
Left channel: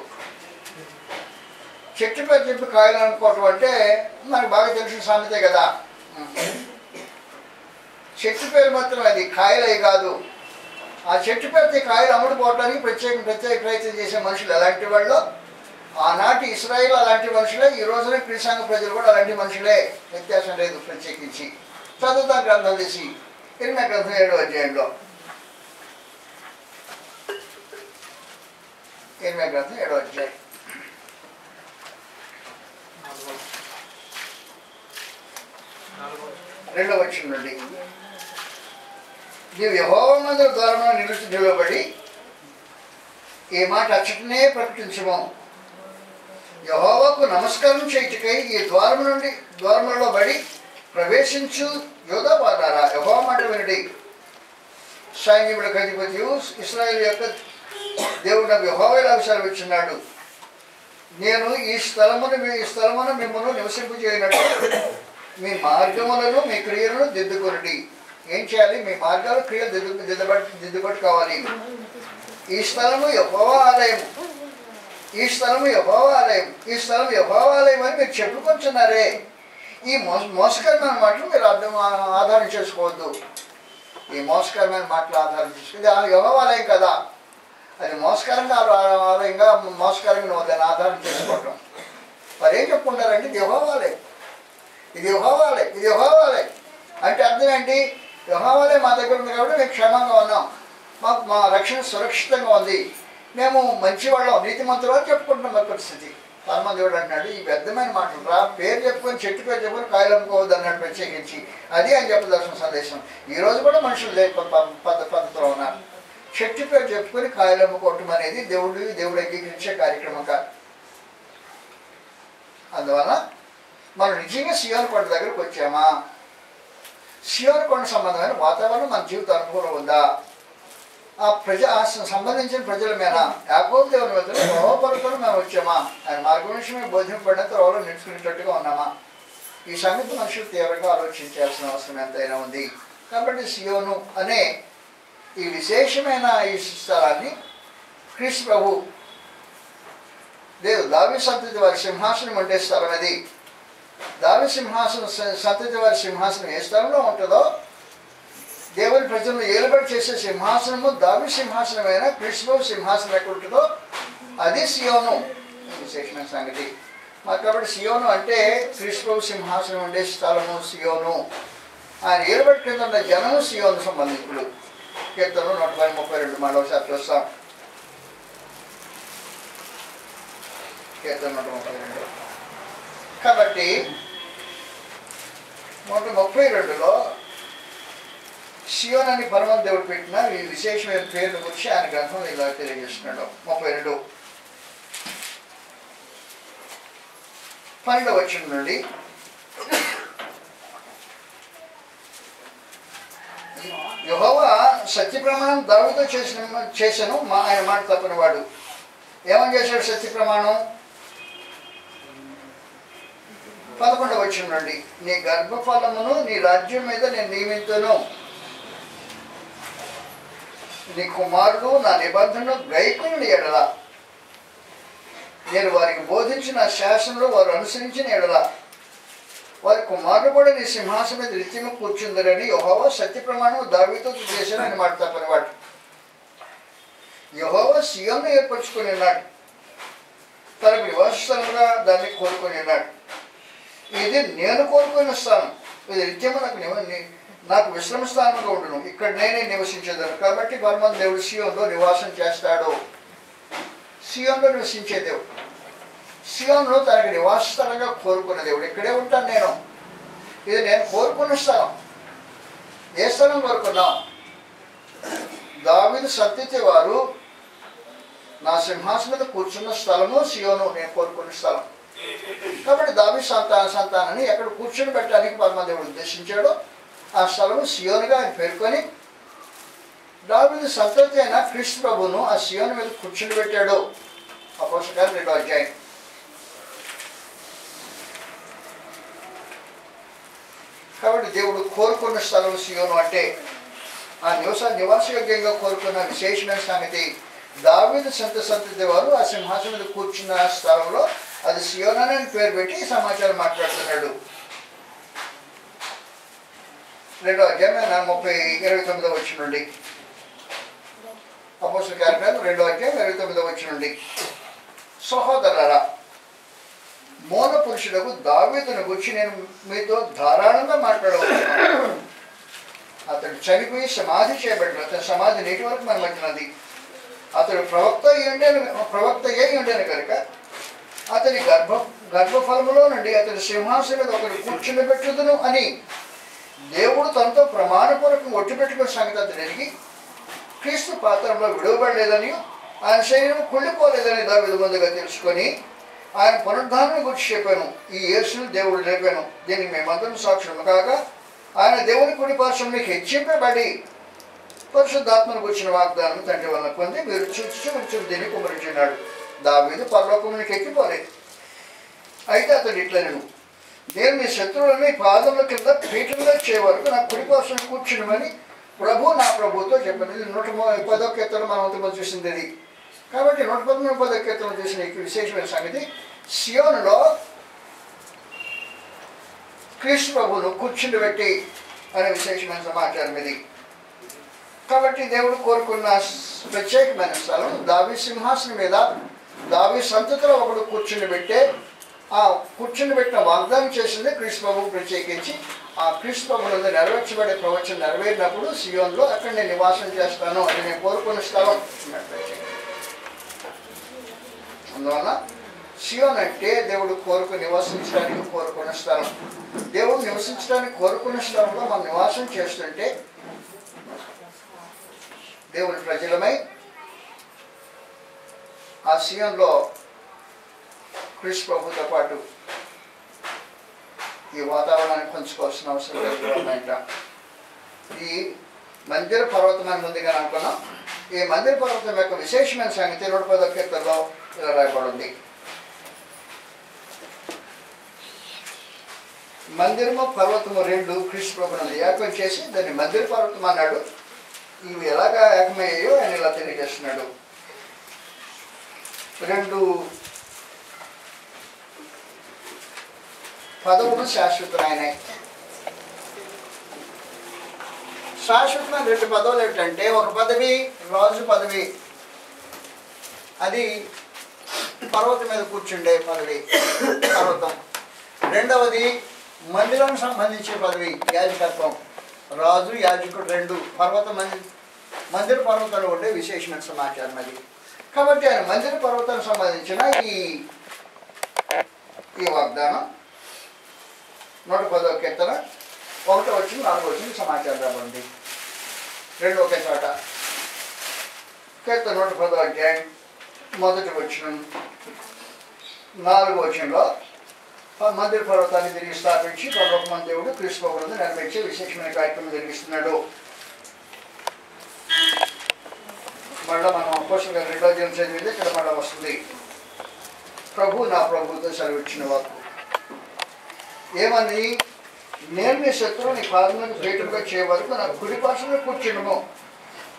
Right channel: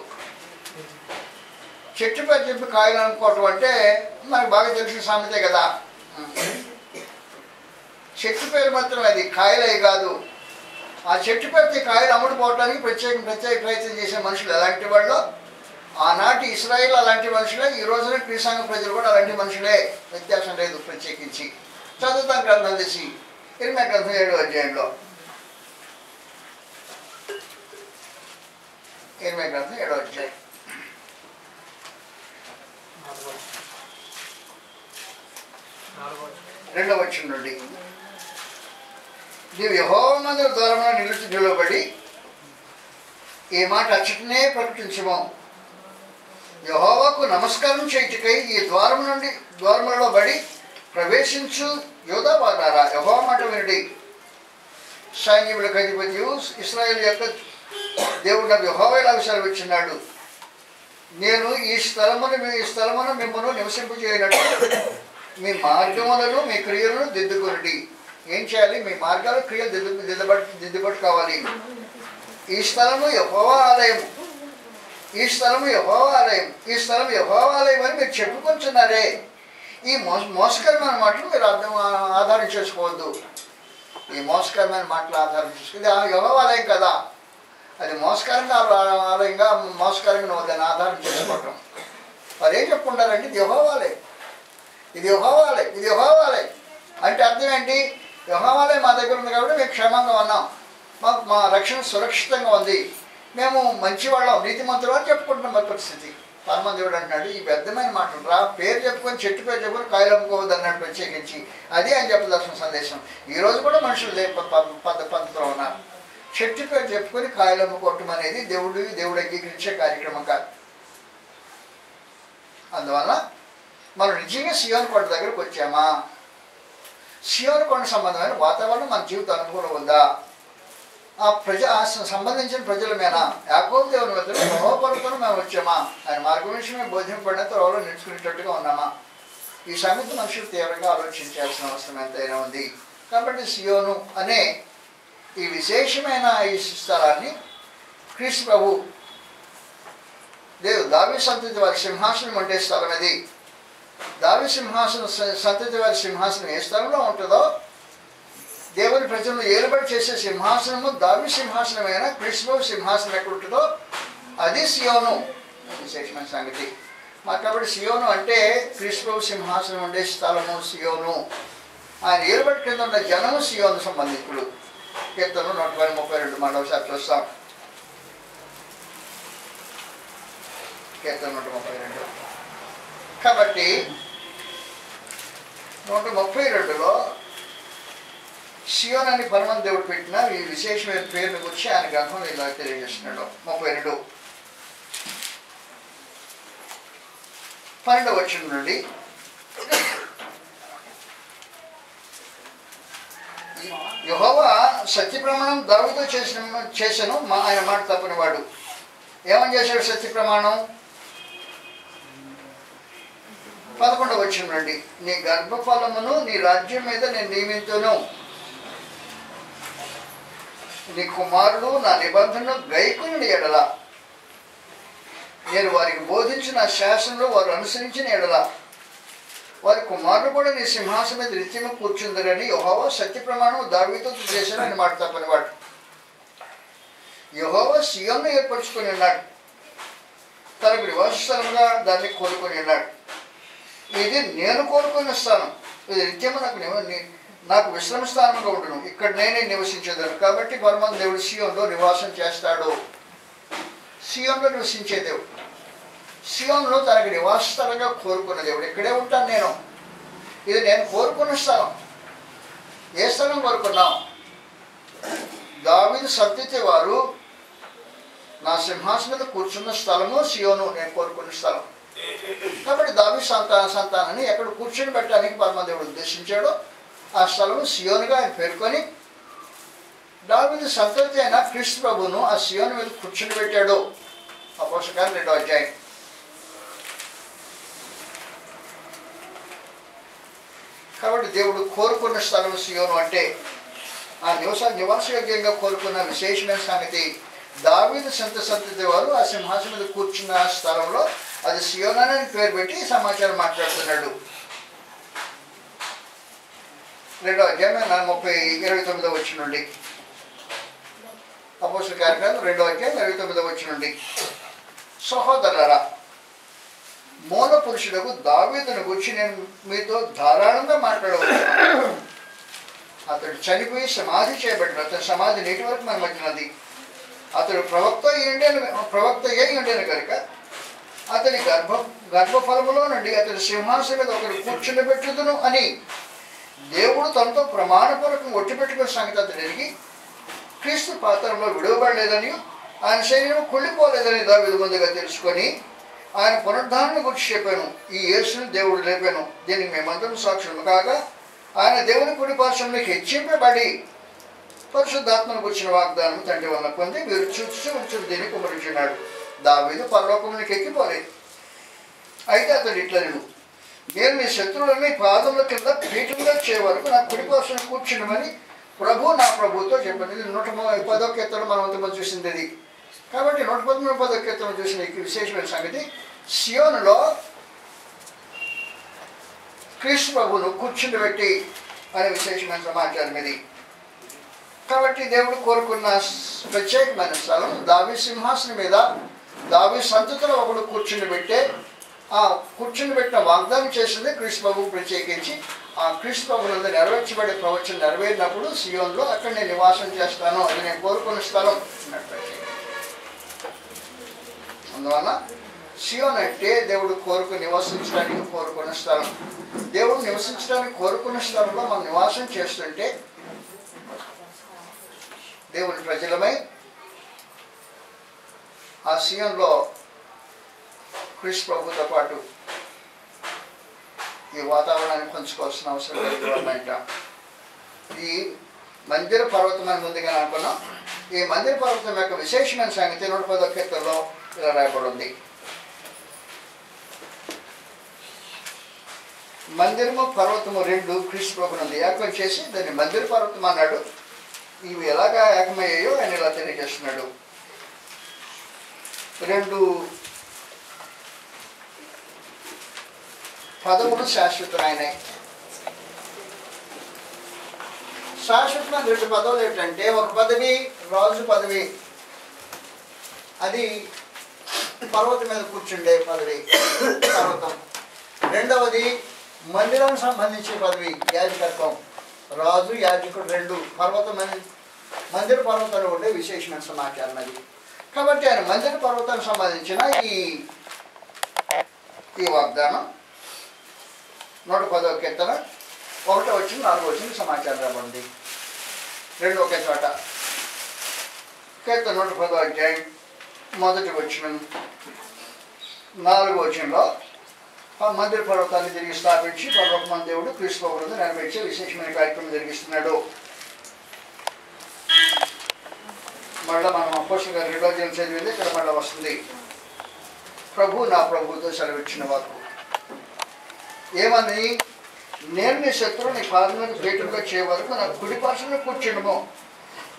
చెట్టు పేరు చెప్పి కాయలు అనుకోవటం అంటే మనకు బాగా తెలిసిన సామెతే కదా. చెట్టు పేరు మాత్రం అది, కాయలు అవి కాదు. ఆ చెట్టు పేరుతో కాయలు అమ్ముడుపోవటానికి ప్రత్యేక ప్రయత్నం చేసే మనుషులు ఎలాంటి వాళ్ళు? ఆనాటి ఇశ్రాయేల్ అలాంటి మనుషులే, ఈ రోజున క్రీస్తాంగ ప్రజలు కూడా అలాంటి మనుషులే, వ్యత్యాసం లేదు ప్రత్యేకించి. చదువుతాం గ్రంథం తీసి 7వ అధ్యాయంలో 7వ అధ్యాయం 2వ వచనం నుండి నీవు యెహోవా మందిర ద్వారంలో నిలబడి ఈ మాట అచ్చటనే ప్రకటించము. యెహోవాకు నమస్కారం చేయుటకై ఈ ద్వారములలో బడి ప్రవేశించు యోధా వారారా, యెహోవా మాట వినుడి. సైన్యములకు అధిపతియు ఇశ్రాయేలు యొక్క దేవుడు యెహోవా ఇలా సెలవిచ్చున్నాడు, నేను ఈ స్థలమును మిమ్మల్ని నివసింపజేయనట్టు మీ మార్గములను మీ క్రియలను దిద్దుకొనుడి. ఏం చేయాలి? మీ మార్గాలు క్రియలు దిద్దుబాటు కావాలి. ఈ స్థలము యెహోవా ఆలయము, ఈ స్థలము యెహోవా ఆలయం, ఈ స్థలం యెహోవా ఆలయం అని మీరు చెప్పుకుంటున్నారే. ఈ మోసకరమైన మాటలు మీరు ఆధారం చేసుకోవద్దు. ఈ మోసకరమైన మాటలు ఆధారం చేసుకో, ఇది యెహోవా ఆలయం కదా, అది మోసకరంగా ఆలయంగా మోసకరంగా దాన్ని ఆధారం చేసుకోవటం. మరి ఏం చెప్పుకుంటారంటే ఇది యెహోవా ఆలయం, ఇది యెహోవా ఆలయం, ఇది యెహోవా ఆలయం అంటే అర్థం ఏంటి? యెహోవా ఆలయం మా దగ్గర ఉంది కాబట్టి మేము క్షేమంగా ఉన్నాం, మాకు మా రక్షణ సురక్షితంగా ఉంది, మేము మంచివాళ్ళం, నీతిమంతులు అని చెప్పుకుంటున్నాం. మా పరిస్థితి పరమదేవుడు అంటున్నాడు ఈ వ్యర్థమైన మాటలు రా, పేరు చెప్పుకొని చెట్టు పేరు చెప్పుకొని కాయలు అమ్ముకోవద్దు అన్నాడు ప్రత్యేకించి. అది అని చెప్పదలసిన సందేశం. ఈరోజు కూడా మనుషులు పద్ధతిలో ఉన్నారు. చెట్టు పేరు చెప్పుకొని కాయలు అమ్ముకోవటం అనేది దేవుడు అంగీకరించే కార్యక్రమం కాదు. అందువల్ల మనం నిజంగా సియోను కొండ దగ్గరకు వచ్చామా? సియోను కొండ సంబంధమైన వాతావరణం మన జీవిత అనుభవం ఉందా? ఆ సంబంధించిన ప్రజల మీద యాకోబు దేవుని వద్ద యెహోవాతో మేము వచ్చామా? ఆయన మార్గం విషయమే బోధింపబడిన త్రోవలో నిలుచుకునేటట్టుగా ఉన్నామా? ఈ సంగతి మనుషులు తీవ్రంగా ఆలోచించాల్సిన అవసరం ఎంతైనా ఉంది. కాబట్టి సియోను అనే ఈ విశేషమైన ఈ స్థలాన్ని క్రీస్తు ప్రభు దావీదు సంతతి వారి సింహాసనం ఉండే స్థలం అది. దావీదు సంతతి వారి సింహాసనం ఏ స్థలంలో ఉంటుందో, దేవుని ప్రజలను ఏలుబడి చేసే సింహాసనము దావీదు సింహాసనమైన క్రీస్తు సింహాసనం ఎక్కడ ఉంటుందో అది సియోను. విశేషమైన సంగతి. కాబట్టి సియోను అంటే క్రీస్తు సింహాసనం ఉండే స్థలము సియోను. ఆయన ఏలుబడి కింద ఉన్న జనము సియోను సంబంధికులు. కీర్తనలు 132 మరోసారి చూస్తాం. కీర్తన 132. కాబట్టి 132లో సియోన్ అని పరమ దేవుడు పెట్టిన ఈ విశేషమైన పేరును గురించి ఆయన గ్రంథంలో ఇలా తెలియజేస్తున్నాడు. 32 12వ వచనం నుండి యెహోవా సత్య ప్రమాణం దావీదుతో చేశాను ఆయన మాట తప్పనివాడు. ఏమని చేశాడు సత్య ప్రమాణం? 11వ వచనం నుండి నీ గర్భఫలమును నీ రాజ్యం మీద నేను నియమింతును, నీ కుమారుడు నా నిబంధనను గైకొనిన ఎడల, నేను వారికి బోధించిన శాసనంలో వారు అనుసరించిన ఎడల వారి కుమారుడు కూడా నీ సింహాసనం మీద నిత్యము కూర్చుందరని యెహోవా సత్య ప్రమాణం దావీదుతో చేశానని మాట తప్పనివాడు. యెహోవా సీయోనును ఏర్పరచుకొని ఉన్నాడు, తనకు నివాస స్థలంగా దాన్ని కోరుకొని ఉన్నాడు. ఇది నేను కోరుకున్న స్థానం, ఇది నిత్యము నాకు విశ్రమ స్థానంగా ఉండును, ఇక్కడ నేనే నివసించేదాను. కాబట్టి పరమాత్మ దేవుడు సీయోనులో నివాసం చేస్తాడు. సీయోనులో నివసించే దేవుడు, సీయోనులో తనకి నివాస స్థలంగా కోరుకున్న దేవుడు. ఇక్కడే ఉంటాను నేను, ఇది నేను కోరుకున్న స్థలం. ఏ స్థలం కోరుకున్నాం? దావీదు సంతతి వారు నా సింహాసనం మీద కూర్చున్న స్థలము సీయోను, నేను కోరుకున్న స్థలం. కాబట్టి దావీదు సంతానాన్ని ఎక్కడ కూర్చొని పెట్టడానికి పరమదేవుడు ఉద్దేశించాడో ఆ స్థలము సీయోనుగా ఆయన పేర్కొని దావీదు సంతతి అయిన క్రీస్తు ప్రభువును ఆ సీయోను మీద కూర్చుని పెట్టాడు. అపోస్తలుల 2వ అధ్యాయం. కాబట్టి దేవుడు కోరుకున్న స్థలం సీయోను అంటే ఆ నివాసయోగ్యంగా కోరుకున్న విశేషమైన సంగతి. దావీదు సంతతి వారు ఆ సింహాసనం మీద కూర్చున్న స్థలంలో అది సీయోను అని పేరు పెట్టి సమాచారం మాట్లాడుతున్నాడు. 2వ అధ్యాయం 29వ వచనం నుండి. అపోస్తలుల కార్యక్రమం 2వ అధ్యాయం 29వ వచనం నుండి. సహోదరులారా, మూల పురుషులకు దావీదును గురించి నేను మీతో ధారాళంగా మాట్లాడవచ్చున్నాను. అతడు చనిపోయి సమాధి చేయబడ్డాడు. అతని సమాధి నేటి వరకు మన మధ్య ఉన్నది. అతడు ప్రవక్త అయి ఉండేను కనుక అతని గర్భఫలములో నుండి అతని సింహాసనం మీద ఒకరు కూర్చుని పెట్టుదును అని దేవుడు తనతో ప్రమాణపూర్వకం ఒట్టి పెట్టుకున్న సంగతి అతడు ఎరిగి క్రీస్తు పాత్రలో విడవబడలేదని ఆయన శరీరం కుళ్ళిపోలేదని దావీదు ముందుగా తెలుసుకొని ఆయన పునరుద్ధానం గురించి చెప్పాను. ఈ యేసును దేవుడు లేపాను, దీనికి మేమందరం సాక్షులు కాగా ఆయన దేవుని కుడి పార్శ్వంలో హెచ్చింపబడి పరిశుద్ధాత్మను గురించిన వాగ్దానం తండ్రి వల్ల పొంది మీరు చూసి దీన్ని కుమరించున్నాడు. దావీదు పరలోకంలోకి ఎక్కిపోలేదు. అయితే అతడు ఇట్లను, నేను మీ శత్రువులని పాదముల కింద పీఠంగా చేయ వరకు నా కుడి పార్శ్వం కూర్చున్నామని ప్రభు నా ప్రభుతో చెప్పాను. ఇది 110వ కీర్తన మనం అంతమంది చూసింది ఇది. కాబట్టి 113వ కీర్తన చూసిన విశేషమైన సంగతి సీయోనులో క్రీస్తు ప్రభువును కూర్చుని పెట్టి అనే విశేషమైన సమాచారం ఇది. కాబట్టి దేవుడు కోరుకున్న ప్రత్యేకమైన స్థలం దావీదు సింహాసనం మీద దావీదు సంతతిలో ఒకడు కూర్చుని పెట్టే ఆ కూర్చుని పెట్టిన వాగ్దానం చేసింది క్రీస్తు ప్రభువు ప్రత్యేకించి. ఆ క్రీస్తు ప్రభువులందు నెరవేర్చబడే ప్రవచనం నెరవేరినప్పుడు సీయోనులో అక్కడ నేను నివాసం చేస్తాను, అది నేను కోరుకున్న స్థలం అన్నట్టు. అందువల్ల సీయోను అంటే దేవుడు నివసించడానికి కోరుకున్న స్థలం. దేవుడు నివసించడానికి కోరుకున్న స్థలంలో మనం నివాసం చేస్తుంటే దేవుని ప్రజలమై ఆ సీయోనులో క్రీస్తు ప్రభుతో పాటు ఈ వాతావరణాన్ని పంచుకోవాల్సిన అవసరం లేదు. ఈ మందిర పర్వతం అని ముందుగా అనుకున్నాం. ఈ మందిర పర్వతం యొక్క విశేషమైన సంగతి 110వ కీర్తనలో ఇలా రాయబడింది. మందిరము పర్వతము 2 క్రీస్తు ప్రభువునందు ఏకం చేసి దాన్ని మందిర పర్వతం అన్నాడు. ఇవి ఎలాగా ఏకమయ్యాయో ఆయన ఇలా తెలియజేస్తున్నాడు. 2 పదవులు శాశ్వతమైనవి. శాశ్వతమైన 2 పదవులు ఏంటంటే, ఒక పదవి రాజు పదవి, అది పర్వతం మీద కూర్చుండే పదవి పర్వతం. రెండవది మందిరం సంబంధించే పదవి యాజకత్వం. రాజు యాజకుడు 2 మందిర పర్వతాలు ఉండే విశేషమైన సమాచారం అది. కాబట్టి ఆయన మందిర పర్వతానికి సంబంధించిన ఈ వాగ్దానం 110వ కీర్తన 1వ వచనం 4వ వచనం సమాచారం రాబడింది. 2 ఒకే చోట. కీర్తన 110వ అధ్యాయం 1వ వచనం 4వ వచనంలో మందిర పర్వతాన్ని తిరిగి స్థాపించి పర్వతమంది దేవుడు క్రీస్తు ప్రభువును నెరవేర్చే విశేషమైన కార్యక్రమం జరిగిస్తున్నాడు. మళ్ళీ మనం అపోస్తలుల 2వ అధ్యాయం చదివింది ఇక్కడ మళ్ళీ వస్తుంది. ప్రభు నా ప్రభువుతో సెలవిచ్చిన వాక్కు ఏమని, నేను నీ శత్రువు నీ పాదములకు పీఠంగా చేయ వరకు నా కుడి పార్శ్వంలో కూర్చుండము.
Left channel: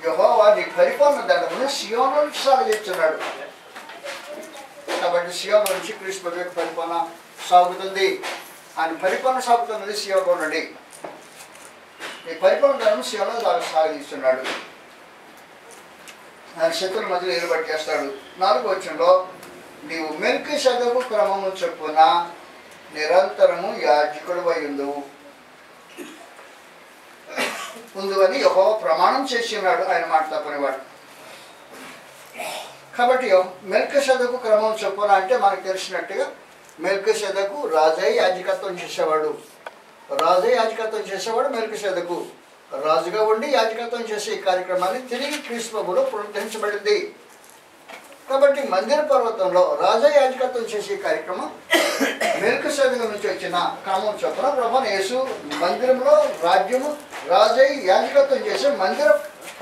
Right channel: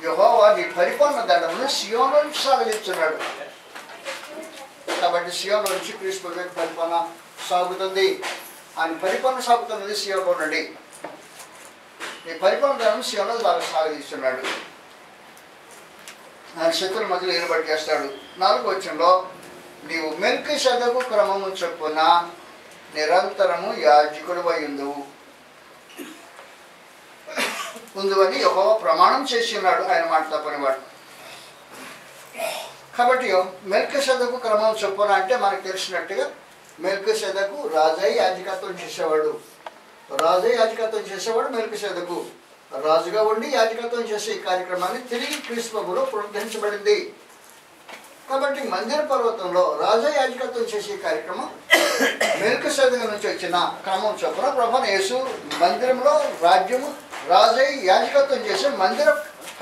యెహోవా నీ పరిపాలన దండమును సీయోను నుంచి సాగదీస్తున్నాడు. కాబట్టి సీయోను నుంచి క్రీస్తు ప్రభువు పరిపాలన సాగుతుంది. ఆయన పరిపాలన సాగుతున్నది సీయోలో నుండి. ఈ పరిపాలన కాలం సీయోలో సాగదీస్తున్నాడు. ఆయన శత్రుల మధ్యలో ఏర్పాటు చేస్తాడు. 4వ వచనంలో నీవు మెల్కీసెదెకు క్రమము చొప్పున నిరంతరము యాజకుడు అయ్యుందువు అని యెహోవా ప్రమాణం చేసి ఉన్నాడు. ఆయన మాట తప్పనివాడు. కాబట్టి మెల్కీసెదెకు క్రమం చొప్పున అంటే మనకు తెలిసినట్టుగా మెల్కీసెదెకు రాజయ్య యాజకత్వం చేసేవాడు. రాజయ్య యాజకత్వం చేసేవాడు మెల్కీసెదెకు. రాజుగా ఉండి యాజకత్వం చేసే ఈ కార్యక్రమాన్ని తిరిగి క్రీస్తు ప్రభువులో పునరుద్ధరించబడింది. కాబట్టి మందిర పర్వతంలో రాజయ్య యాజకత్వం చేసే కార్యక్రమం మెల్కీసెదెకు నుంచి వచ్చిన క్రమం చొప్పున ప్రభువైన యేసు మందిరంలో రాజ్యము రాజయ్య యాజకత్వం చేసి మందిర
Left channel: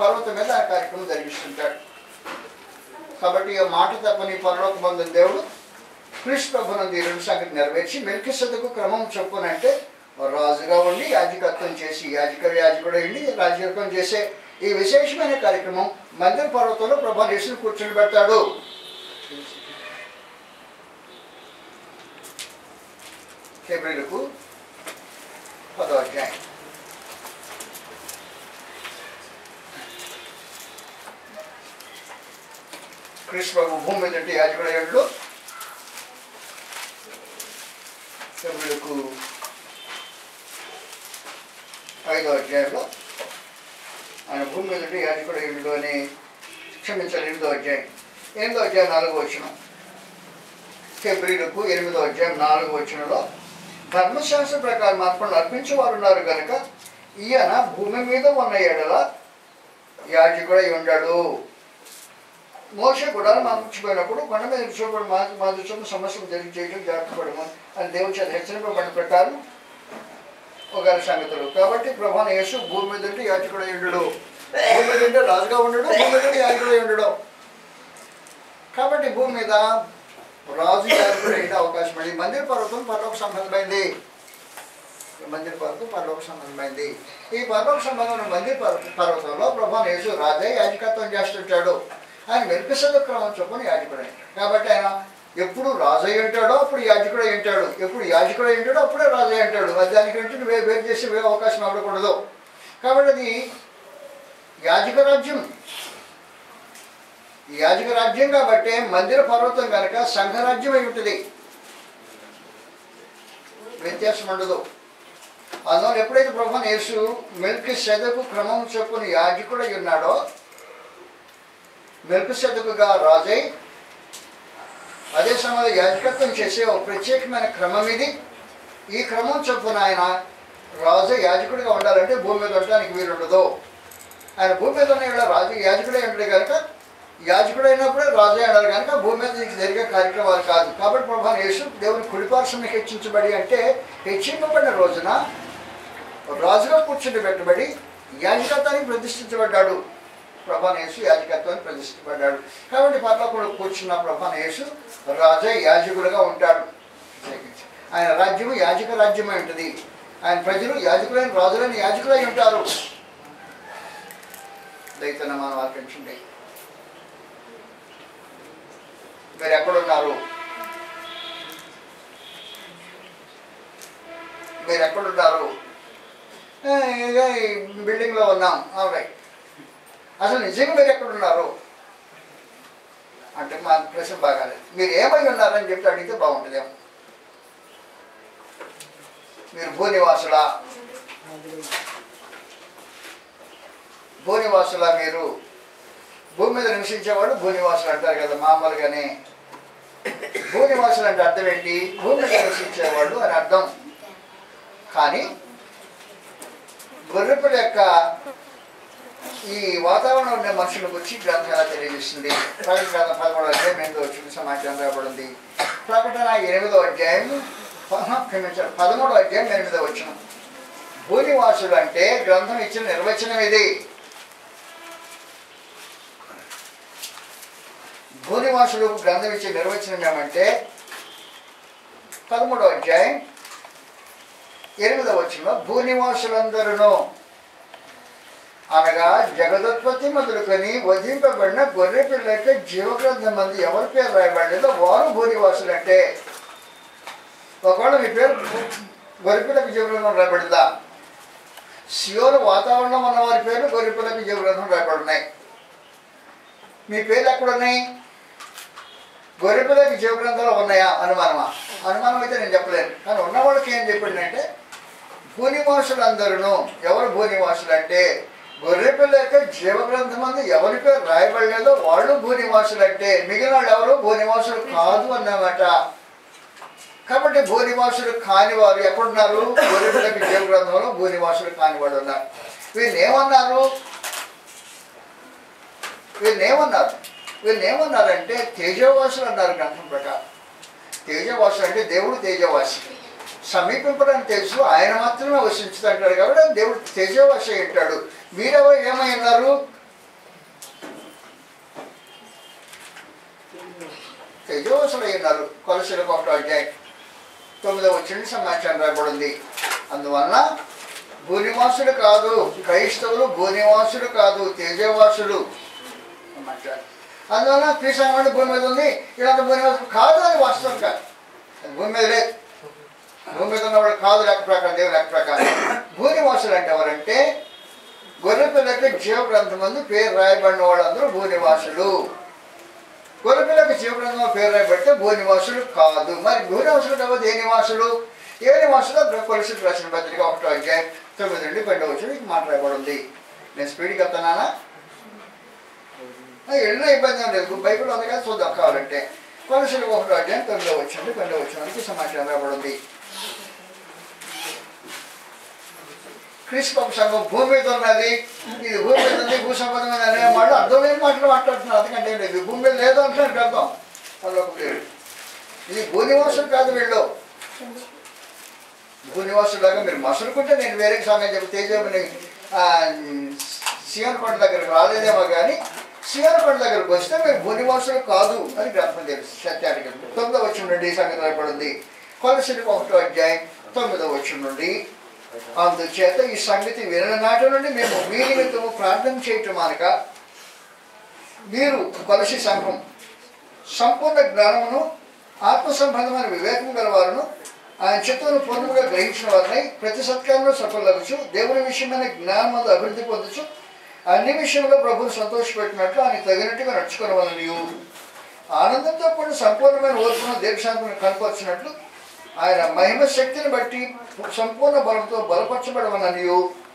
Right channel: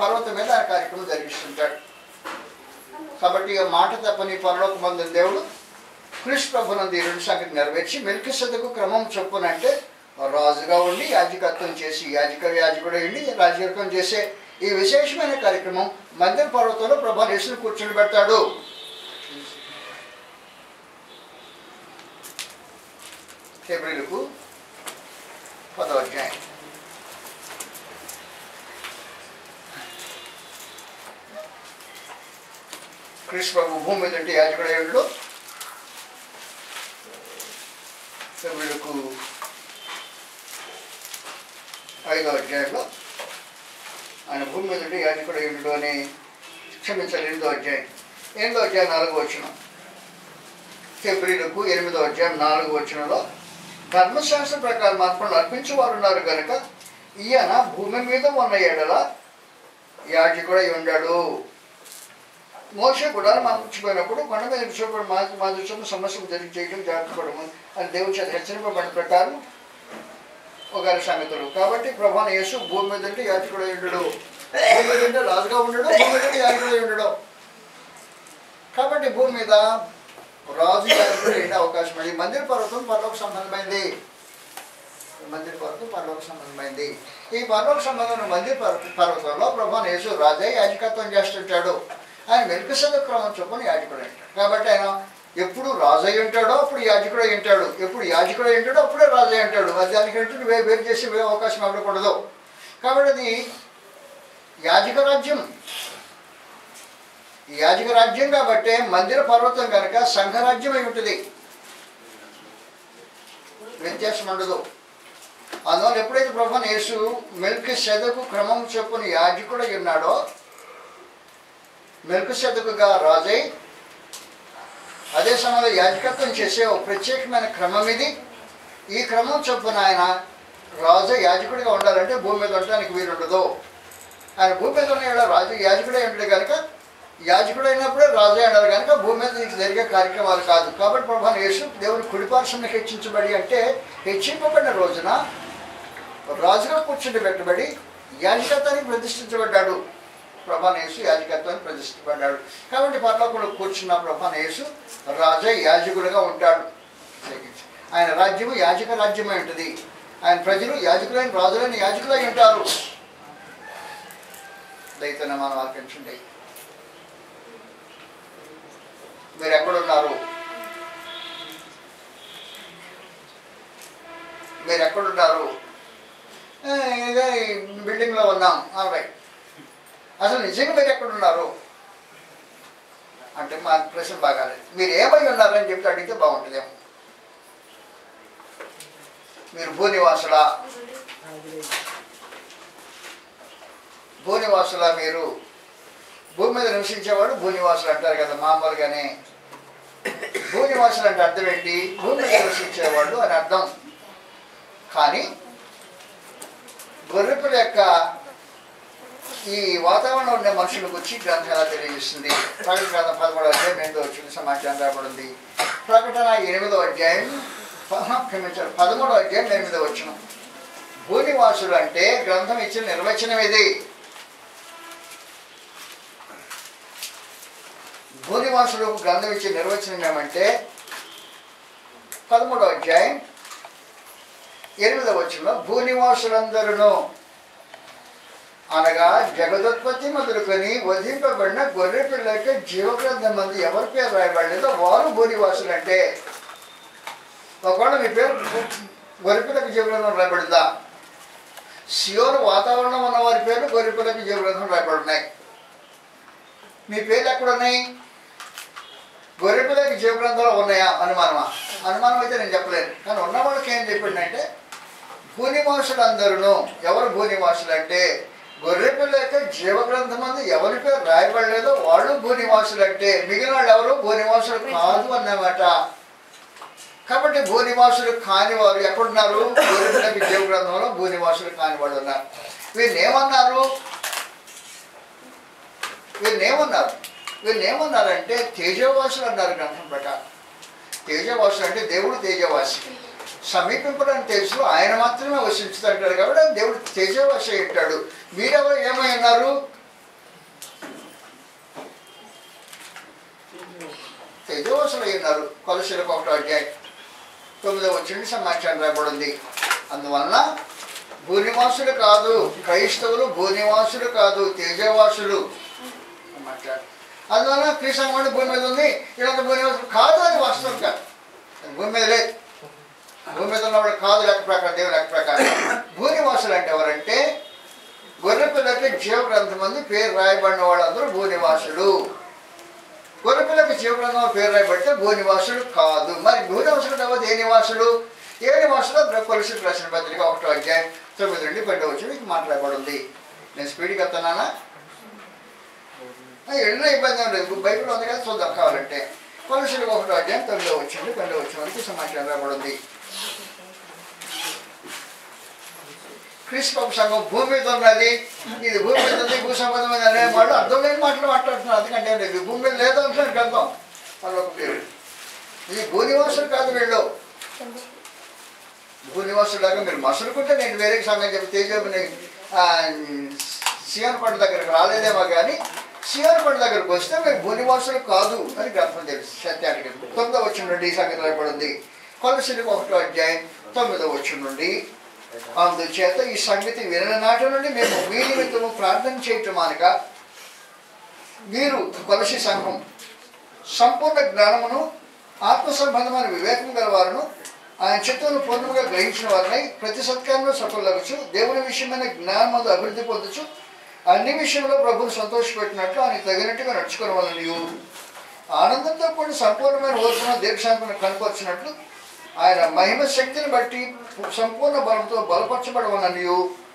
పర్వతం మీద ఆ కార్యక్రమం జరిగిస్తుంటాడు. కాబట్టి ఈ మాట తప్పని పరలోకమందున దేవుడు క్రీస్తు ప్రభువునందు ఈ 2 సంగతి నెరవేర్చి మెల్కీసెదెకు క్రమం చొప్పున అంటే రాజుగా ఉండి యాజకత్వం చేసి యాజకుడు అయ్యిండి రాజకత్వం చేసే ఈ విశేషమైన కార్యక్రమం మందిర పర్వతంలో ప్రభువైన యేసును కూర్చొని పెడతాడు. హెబ్రీయులకు 10వ అధ్యాయం. క్రీస్తు ప్రభు భూమి మీద యాజకుడు అయ్యాడు. హెబ్రీయులకు 5వ అధ్యాయంలో ఆయన భూమి మీద యాజకుడు అయ్యాడు అని క్షమించాలి. 8వ అధ్యాయం 4వ వచనం. హెబ్రీయులకు 8వ అధ్యాయం 4వ వచనంలో ధర్మశాస్త్ర ప్రకారం ఆత్మలు అర్పించేవారు ఉన్నారు కనుక ఈయన భూమి మీద ఉన్న ఎడల యాజకుడై ఉన్నాడు. మోషే కూడా మర్చిపోయినప్పుడు కొండ మీద చూపడం మా దృష్టిలో సమస్యను జరిగి చేయడం జాగ్రత్త పడము అని దేవుడి చేత హెచ్చరింపబడిన ప్రకారం ఒక సంగతులు. కాబట్టి ప్రభువైన యేసు భూమి మీద ఉంటే యాజకుడై ఉండడు, భూమి మీద ఉంటే రాజుగా ఉండడు, భూమి మీద ఉంటే యాజకుడై ఉండడు. కాబట్టి భూమి మీద రాజు యాజకుడు అయ్యే అవకాశం ఉంది. మందిర పర్వతం పరలోక సంబంధమైంది. మందిర పర్వతం పరలోక సంబంధమైంది. ఈ పరలోక సంబంధమైన మందిర పర్వతంలో ప్రభువైన యేసు రాజయ్య యాజకత్వం చేస్తుంటాడు. ఆయన మెల్కీసెదెకు క్రమం చొప్పున యాజకుడు అంటాడు. కాబట్టి ఆయన ఎప్పుడు రాజయ్య ఉంటాడో అప్పుడు యాజకుడు అయి ఉంటాడు, ఎప్పుడు యాజకుడు అయి ఉంటాడో అప్పుడే రాజయ్య అంటాడు. దానికంటే వేరు చేసే అవకాశం ఇవ్వకూడదు. కాబట్టి అది యాజక రాజ్యం. యాజక రాజ్యం కాబట్టి మందిర పర్వతం కనుక సంఘరాజ్యం అయి ఉంటుంది, వ్యత్యాసం ఉండదు. అందువల్ల ఎప్పుడైతే ప్రభువైన యేసు మెల్కీసెదెకు క్రమం చొప్పున యాజకుడు అయి ఉన్నాడో మెల్కీసెదెకుగా రాజై అదే సమయంలో యాజకత్వం చేసే ఒక ప్రత్యేకమైన క్రమం ఇది. ఈ క్రమం చొప్పున ఆయన రాజు యాజకుడిగా ఉండాలంటే భూమి మీద ఉండడానికి వీలుండదు. ఆయన భూమి మీద ఉన్న రాజు యాజకుడే ఉంటే కనుక యాజకుడు అయినప్పుడే రాజు అన్నారు కనుక భూమి మీద నీకు జరిగే కార్యక్రమాలు కాదు. కాబట్టి ప్రభువైన యేసు దేవుని కుడిపార్శ్వమున హెచ్చించబడి అంటే హెచ్చింపబడిన రోజున రాజుగా కూర్చుని పెట్టబడి యాజకత్వానికి ప్రతిష్ఠించబడ్డాడు. ప్రభువైన యేసు యాజకత్వాన్ని ప్రతిష్ఠించబడ్డాడు. కాబట్టి పరలోకంలో కూర్చున్న ప్రభువైన యేసు రాజే యాజకుడిగా ఉంటాడు. ఆయన రాజ్యము యాజక రాజ్యమై ఉంటుంది. ఆయన ప్రజలు యాజకులైన రాజులైన యాజకులై ఉంటారు. దయతోనే మనం ఆలకించండి. మీరు ఎక్కడున్నారు? మీరు ఎక్కడున్నారు? బిల్డింగ్లో ఉన్నాం. రైట్. అసలు నిజంగా మీరు ఎక్కడున్నారు అంటే మా ప్రశ్న బాగాలేదు. మీరు ఏమై ఉన్నారని చెప్పి అడిగితే బాగుంటుందేమో. మీరు భూనివాసులా? భూనివాసులా? మీరు భూమి మీద నివసించేవాడు భూనివాసులు అంటారు కదా మామూలుగానే. భూనివాసులు అంటే అర్థం ఏంటి? భూమి మీద నివసించేవాడు అని అర్థం. కానీ గొర్రెపిల్ల యొక్క ఈ వాతావరణంలో ఉండే మనుషుల గురించి గ్రంథం ఎలా తెలియజేస్తుంది? ప్రకటన గ్రంథం 13వ అధ్యాయం 8వ వచనం సమాచారం రాబడింది. ప్రకటన 8వ అధ్యాయం 13వ అధ్యాయం 8వ వచనం. భూనివాసులు అంటే గ్రంథం ఇచ్చిన నిర్వచనం ఇది. భూనివాసులు గ్రంథం ఇచ్చే నిర్వచనం ఏమంటే 13వ అధ్యాయం 8వ వచనంలో భూనివాసులందరూ అనగా జగదుత్పత్తి మొదలుకొని వధింపబడిన గొర్రె పిల్ల యొక్క జీవగ్రంథం మంది ఎవరి పేరు రాయబడలేదో వారు భూనివాసులు. అంటే ఒకవేళ మీ పేరు గొర్రెపిల్లకి జీవగ్రంథం రాయబడిందా? సియోను వాతావరణం ఉన్న వారి పేర్లు గొర్రెపిల్లకి జీవగ్రంథం రాయబడున్నాయి. మీ పేర్లు ఎక్కడున్నాయి? గొర్రెపిల్లకి జీవగ్రంథంలో ఉన్నాయా? అనుమానమా? అనుమానం అయితే నేను చెప్పలేను. కానీ ఉన్నవాళ్ళకి ఏం చెప్పిందంటే భూనివాసులందరూ. ఎవరు భూనివాసులు అంటే గొర్రెపిల్ల యొక్క జీవగ్రంథం అందు ఎవరి పేరు రాయబడలేదో వాళ్ళు భూనివాసులు అంటే మిగిలిన వాళ్ళు ఎవరు భూనివాసులు కాదు అన్నమాట. కాబట్టి భూనివాసులు కాని వారు ఎక్కడున్నారు? గొర్రెపిల్లకి జీవగ్రంథంలో భూనివాసులు కాని వాళ్ళు ఉన్నారు. వీళ్ళేమన్నారు? వీళ్ళేమన్నారంటే తేజవాసులు అన్నారు గ్రంథం ప్రకారం. తేజవాసులు అంటే దేవుడు తేజవాసి, సమీపింపడానికి తెలుసు, ఆయన మాత్రమే వసించుతుంటాడు కాబట్టి దేవుడు తేజవాసి అంటాడు. మీరెవరు ఏమైనారు? తేజవాసులు అయినారు. కొలసీలకు 1వ అధ్యాయం 9వ వచనం సమాచారం రాయబడింది. అందువలన భూనివాసులు కాదు, క్రైస్తవులు భూనివాసులు కాదు, తేజవాసులు మాట్లాడు. అందువలన క్రీస్తు భూమి మీద ఉంది, ఇలాంటి భూనివాసులు కాదు. అది వాస్తవం కాదు. భూమి మీద లేదు. భూమి మీద ఉన్నవాడు కాదు లెక్క ప్రకారం, దేవుని లెక్క ప్రకారం. భూనివాసులు అంటే ఎవరంటే గొర్రెపిల్లకి జీవగ్రంథం మంది పేరు రాయబడిన వాళ్ళందరూ భూనివాసులు. గొర్రెపిల్లకి జీవగ్రంథం పేరు రాయబడితే భూనివాసులు కాదు. మరి భూనివాసులు కాబట్టి ఏ నివాసులు? ఏ నివాసులు? కొలసీలకు రాసిన పత్రిక 1వ అధ్యాయం 9 నుండి 12వ వచనం మాట్లాడబడింది. నేను స్పీడ్కి వెళ్తున్నానా? ఎన్నో ఇబ్బంది ఏం లేదు. బైబిల్ ఉంది కదా, చూద్దాం కావాలంటే. కొలసీలకు 1వ అధ్యాయం 9వ వచనం నుండి 12వ వచనానికి సమాచారం రాబడింది. క్రీస్తు సంఘం భూమి మీద ఉన్నది, ఇది భూమి మీద ఉంది, భూ సంబంధమైన అనే వాళ్ళు అర్థం లేని మాటలు మాట్లాడుతున్నారు. అందుకంటే లేదు, భూమి మీద లేదు అంటున్నారు అర్థం. వాళ్ళొక పేరు ఇది భూనివాసులు కాదు. వీళ్ళు భూనివాసులాగా మీరు మసులుకుంటే నేను వేరే సమయం చెప్పి తేజోని సియోను కొండ దగ్గరకు రాలేదేమో కానీ సియోను కొండ దగ్గరకు వస్తే మీరు భూనివాసులు కాదు అని గ్రంథం తెలుసు. సత్యానికి 9వ వచనం నుండి ఈ సంగతి రాయబడింది. కొలసీలకు 1వ అధ్యాయం 9వ వచనం నుండి అందుచేత ఈ సంగతి వినని నాటి నుండి మేము మీ నిమిత్తము ప్రార్థన చేయటం అనక మీరు కొలసీ సంఘం సంపూర్ణ జ్ఞానమును ఆత్మ సంబంధమైన వివేకం గలవారును ఆయన చిత్తమును పూర్ణముగా గ్రహించిన వారిని ప్రతి సత్కారంలో సఫలవచ్చు, దేవుని విషయమైన జ్ఞానమందు అభివృద్ధి పొందొచ్చు, అన్ని విషయంలో ప్రభువును సంతోషపెట్టినట్లు ఆయన తగినట్టుగా నడుచుకోవాలని ఆనందంతో కూడిన సంపూర్ణమైన ఓర్పును దీర్ఘశాంతిని కనపరిచినట్లు ఆయన మహిమ శక్తిని బట్టి సంపూర్ణ బలంతో బలపరచబడవలని.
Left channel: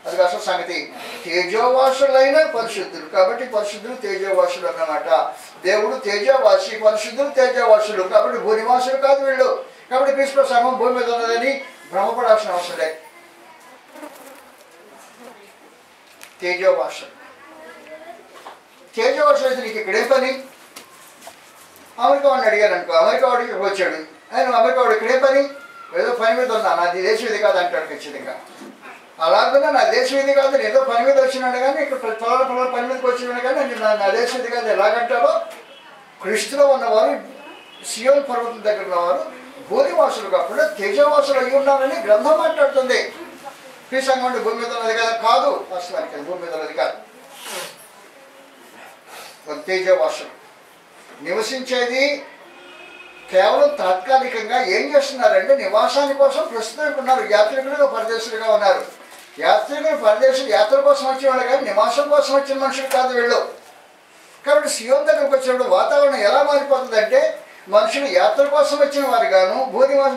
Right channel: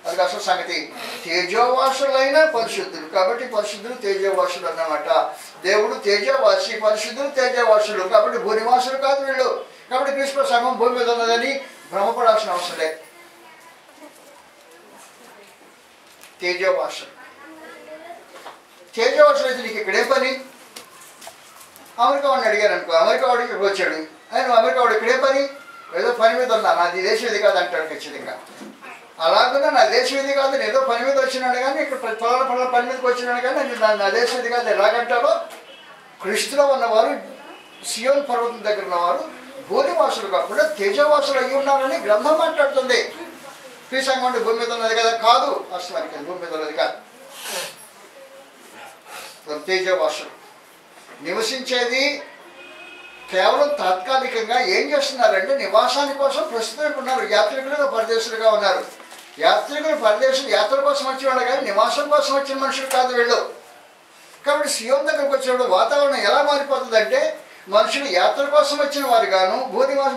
అది అసలు సంగతి. తేజోవాసులైన పరిశుద్ధులు కాబట్టి పరిశుద్ధులు తేజోవాసులు అన్నమాట. దేవుడు తేజోవాసి, పరిశుద్ధులు తేజోవాసులు కాబట్టి భూనివాసులు కాదు వీళ్ళు. కాబట్టి క్రీస్తు సంఘం భూమి మీద ఉన్నదని భ్రమపడాల్సిన అవసరం లేదు. తేజోవాసులు అయితే నీకు ఇక్కడే పని? అమెరికా వాడిని అడిగారు అనుకో, అమెరికా వాడికి ఇక్కడికి వచ్చాడు, ఆయన అమెరికా వాడు ఇక్కడే పని? ఏదో పని మీద ఉన్నా, నాది దేశం ఇది కాదు అంటాడు ఖచ్చితంగా. అలాగన్నా నా దేశం ఇది కాదు, నేను ఏదో పని మీద వచ్చినాడు కానీ ఇక్కడ పొలాల పని మీదకి వచ్చినాడు కానీ నా దేశం ఇది కాదు ఎలాగంటాడో. క్రీస్తులో ఉన్నవారు సియోను పర్వతం దగ్గర ఉన్నవారు భూనివాసులు కాకుండా తేజవాసులు అయ్యి ఉన్నారని గ్రంథం మాట్లాడుతుంది. క్రీస్తు సంఘం అంటే భూమి మీద ఉన్నది కదా? కాదు, వాస్తవానికి భూమి మీద ఉన్నది కాదు. తేజవాసులు నివసించేది కేవలం తాత్కాలికంగా. ఏం చేస్తున్నారంటే నివాసాని కోసం ప్రస్తుతం ఉన్నారు, యాత్రికులుగా పరదేశులుగా ఉన్నారు. యాత్రికులు పరదేశులు యాత్ర కోసం వచ్చిన వాళ్ళు కానీ నివాసం కోసం వచ్చిన మనుషులు కాదు వీళ్ళు. కాబట్టి సియోను దగ్గరకు వచ్చినప్పుడు వాతావరణం ఎలా మారిపోతుందంటే మనుషులు యాత్ర కోసం వచ్చిన వారు గాను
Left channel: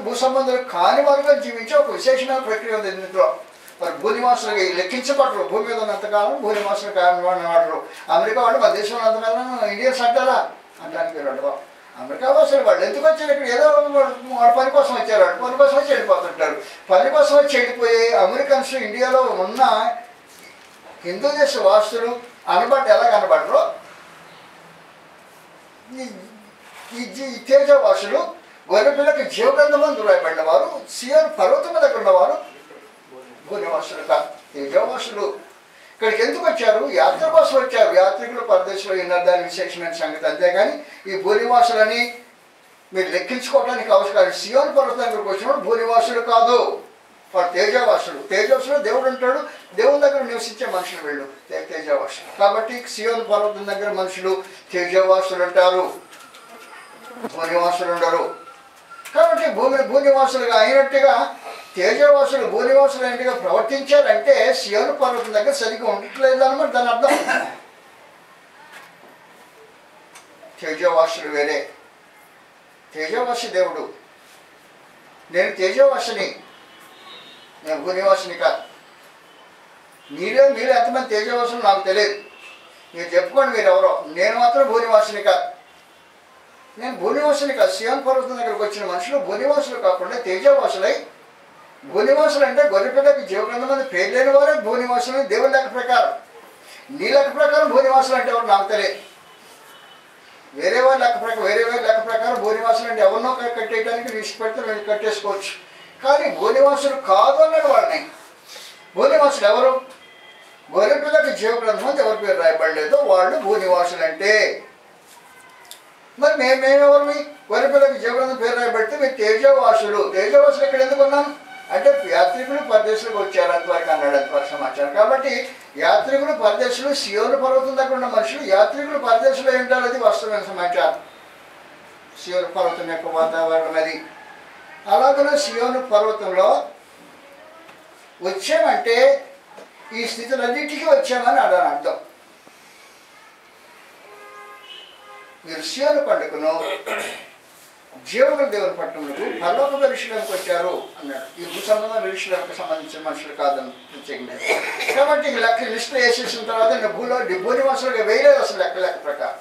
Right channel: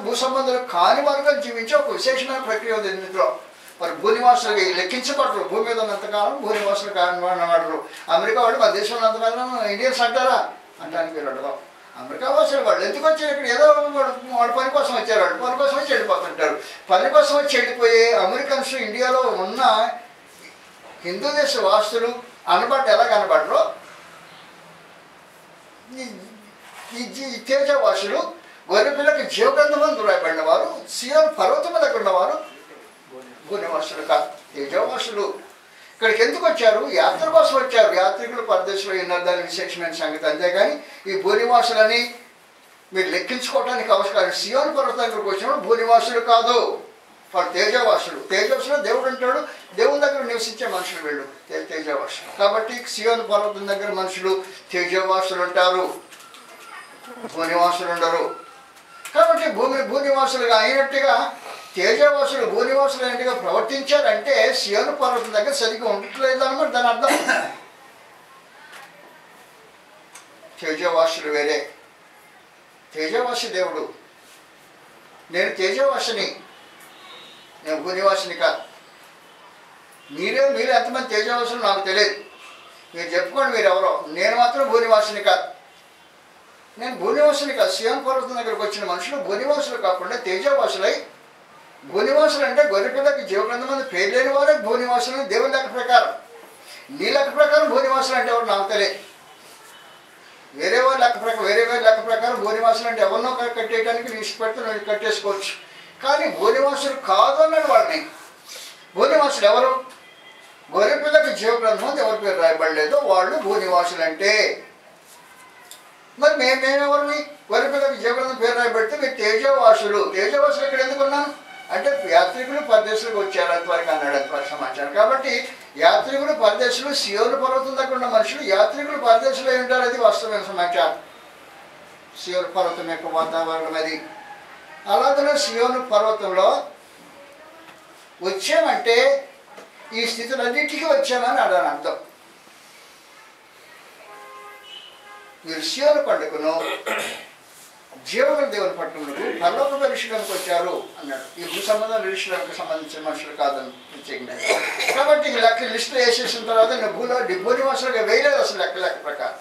భూ సంబంధాలు కాని వారుగా జీవించే ఒక విశేషమైన ప్రక్రియ ఉంది ఇందులో. మరి భూనివాసులు లెక్కించబడరు. భూమి మీద ఉన్నంతకాలం భూనివాసులు కానివాడరు. అమెరికా వాళ్ళు మన దేశంలో ఉన్నంతకాలం ఇండియన్స్ అంటారా? అంటానికి వీళ్ళు అమెరికా వాసులు వాళ్ళు ఎందుకు వచ్చారు? ఇక్కడ ఏదో వాళ్ళ పని కోసం వచ్చారు, వాళ్ళు పని కోసం వచ్చి వెళ్ళిపోతుంటారు. పని కోసం వచ్చి వెళ్ళిపోయే అమెరికన్స్ ఇండియాలో ఉన్న హిందూ దేశ వాసులు ఎలా కనబడరు? ఈ తేజవాసులు గొర్రెపిల్లకి జీవగ్రంథమందు రాయబడిన వారు, సియోను పర్వతం దగ్గర ఉన్నవారు భూనివాసులు కాదు, తేజవాసులు. ఇక్కడికి ఎందుకు వచ్చారు? యాత్ర కోసం వచ్చారు. యాత్రికులు పరదేశంలో ఉన్నారు, దాని విశేషమైన సంగతి. అంతేగాని ఈ భూనివాసులని మీరు లెక్కించుకోవడానికి అవసరం. సియోను పర్వతం దగ్గరకు వచ్చినప్పుడు భూనివాసులు కాదు, వాడు తేజవాసులు. తేజవాసులు దేవుడు అంటాడు, దేవుని దగ్గర నివసించే మనుషులు వీళ్ళు తేజవాసులు. కాబట్టి సియోను పర్వతం దగ్గర మనుషులు తేజవాసులు అంటారు, భూనివాసులు ఉండరు. కాబట్టి భూనివాసులుగా అయినట్టుగా తేజవాసులు భూనివాసులు ఏంటిగా ప్రవర్తించారంటే సియోను పర్వతం దగ్గర సరిగ్గా ఉండట్లేదు అనమాట దాని అర్థం. తేజవాసులు వేరే, తేజవాసి దేవుడు. నేను తేజవాసిని, నేను భూనివాసిని కాదు. మీరు ఎంతమంది తేజవాసులు నాకు తెలియదు, మీరు చెప్పుకోండి మీరు ఎవరో. నేను మాత్రం భూనివాసిని కాదు, నేను భూనివాసుని కాదు. సియోను పర్వతం దగ్గరకు వచ్చిన మనుషులు భూనివాసులు కాకుండా తేజవాసులై, భూనివాసులు అంటే గొర్రెపిల్లకి జీవగ్రంథం పేరు లేని వారే భూనివాసులు దేవుని లెక్క ప్రకారం. నీ లెక్క ప్రకారం భూనివాసులు అంటే ఎవరు నాకు తెలియదు. వేరే వారి లెక్క ప్రకారం భూనివాసులు అంటే ఎవరినో కట్టేయడానికి రిస్క్ పెడితే నేను కట్టేసుకోవచ్చు. కానీ భూనివాసులు కాదు అన్నాడు వాడిని. భూనివాసులు ఎవరు? గొర్రెపిల్లకి జీవగ్రంథం ఎవరి పేరు రాయబడలేదో వాళ్ళు భూనివాసులు అంటే. మరి మేమెవరిని? గొర్రెపిల్లకి జీవగ్రంథం పేరు రాయబడితే మీరు తేజవాసులు. తేజవాసులు ఎక్కడ ఎందుకు ఉన్నాను అంటే యాత్రికులు పరదేశులకు వచ్చారు అంతవరకు అన్నాడు, అంతవరకు సమాచారం. కాబట్టి యాత్రికులు పరదేశులు సియోను పర్వతం దగ్గర ఉన్న మనుషులు యాత్రికులు పరదేశులు అయి ఉంటారు, అది వాస్తవమైన సమాచారం. సియోను పర్వతం యొక్క వాతావరణం అది. అలాగనే సియోను పర్వతంలో వచ్చామంటే ఈ స్థితులన్నిటికీ వచ్చామని అడని అర్థం. మీరు సియోను పండుగను జీవన దేవుని పట్టణములకు పరలోక నిరీక్షణకు వచ్చారు అన్నాడు. ఈ భూ సంబంధం నిరీక్షణకు సంబంధించిన మనుషులు కాదని ప్రత్యేకించారు. కాబట్టి ఈ లెక్క లిస్టులో వేసేసిన తర్వాత నేను భూనివాసులుగా వేయలేదు అసలు లెక్క ప్రకారం.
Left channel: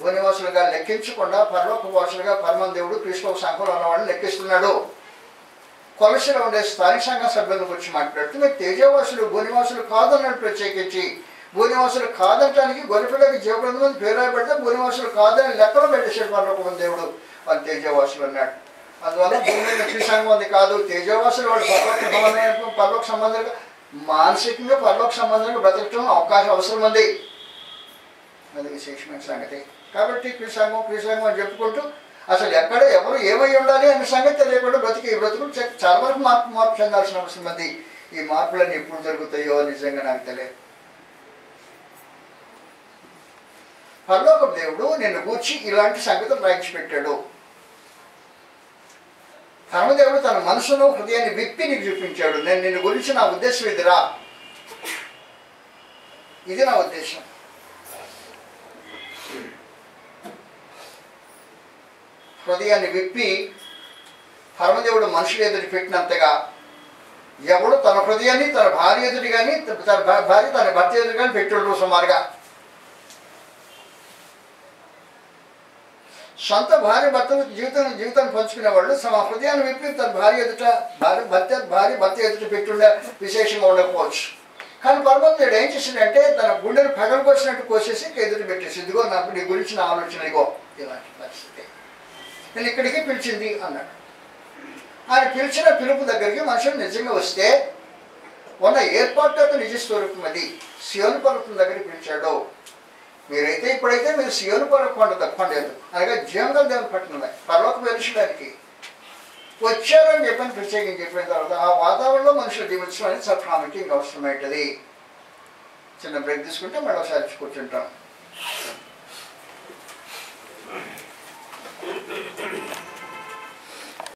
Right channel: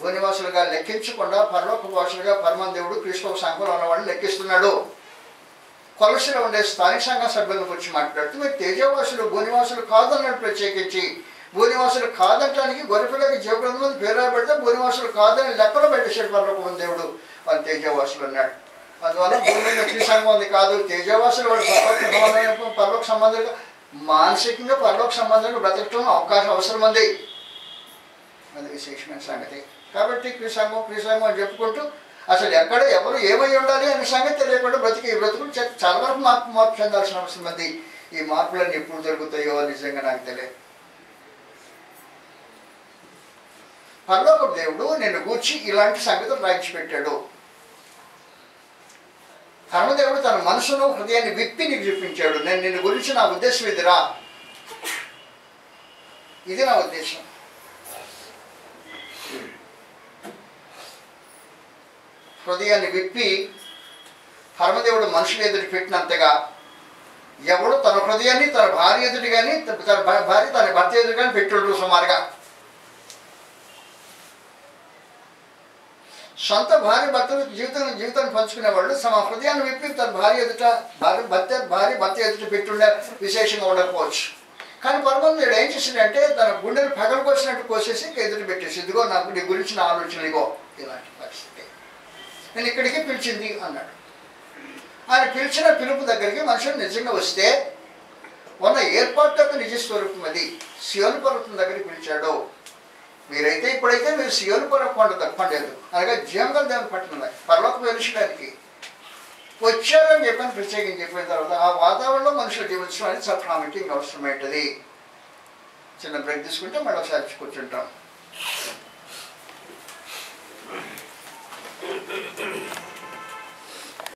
భూనివాసులుగా లెక్కించకుండా పరలోక వాసులుగా పరమ దేవుడు క్రీస్తు సంఘంలో ఉన్న వాళ్ళని లెక్కిస్తున్నాడు. కొలసిలో ఉండే స్థానిక సంఘ సభ్యుల గురించి మాట్లాడుతూ మీరు తేజవాసులు భూనివాసులు కాదన్నాడు. ప్రత్యేకించి భూనివాసులు కాదనటానికి గొర్రెపిల్లకి జీవగ్రంథం పేరు రాయబడితే భూనివాసులు కాదని లెక్కలో పెట్టేశాడు పరలోక దేవుడు. వాళ్ళు తేజవాసులు అన్నాడు. అందువల్ల భూమి వ్యక్తి సంఘం అది కాదు. తేజవాసులు వాడు పరలోక సంబంధంగా మానసికంగా పరలోక సంబంధంగా బ్రతకటం అవసరం ఉంది. అది విశేషమైన సంగతి. కాబట్టి క్రీసంఘం అని చెప్పుకుంటూ అసలు ఎక్కడ ఎవరు ఏమై ఉండాలి అనే సంగతి తెలియకుండా బ్రతుకులు చాలా వరకు మార్పు చెందాల్సిన అవసరం ఉంది. ఈ మార్పులన్నీ ఎప్పుడు జరుగుతాయో నిజంగా నాకు తెలియదు. పరలోక దేవుడు నిన్ను గూర్చి ఇలాంటి సంగతులు రాయించి పెట్టాడు. పరమదేవుడు తన మనసులో హృదయాన్ని విప్పి నీకు చూపించాడు. నేను నిన్ను గురించి నా ఉద్దేశం ఇదిరా, ఇది నా ఉద్దేశం. హృదయాన్ని విప్పి పరమదేవుడు మనుషులు ఎదుటి పెట్టినంతగా ఎవడు తన హృదయాన్ని తన భార్య ఎదుటి కానీ తన భార్య తన భర్త ఎదుటి కానీ పెట్టుడు సుమారుగా. సొంత భార్య భర్తలు జీవితాన్ని పంచుకునే వాళ్ళు తమ హృదయాన్ని విప్పి తన భార్య ఎదుట భార్య భర్త ఎదుట పెట్టుండే విశేషంగా ఉండకపోవచ్చు. కానీ పరమదేవుడు ఏం చేసిందంటే తన గుండెలు పగలు కోసినట్టు కోసేసి ఎదురు పెట్టేసి ఇదిగో నాకు నీ గురించి నా ఆలోచన ఇగో ఇలాంటి పరిస్థితి నేను ఇక్కడికి పిలిచింది అన్నాడు. ఆయన పిలిచిన పిలుపు దగ్గరికి మనుషులు నిజంగా వస్తే ఉన్న ఏర్పాటు నిజ స్వరూపం అది. సియోను పర్వతం దగ్గరికి పిలిచాడు. మీరైతే ఇప్పుడైతే మీరు సియోను కొండ తప్పలేదు అనగా జీవంగా దేవుని పట్టణం పరలోక వెలిచడానికి వచ్చారని చెప్పని ప్రత్యేకంగా చెప్పిన తర్వాత ఆ వాతావరణంలో మనుషులు జీవించడం అనేది చాలా ప్రాముఖ్యంగా అవసరమైంది. చిన్న బ్రేక్ తీసుకుంటే మళ్ళీ ఒకసారి కూర్చుంటాం.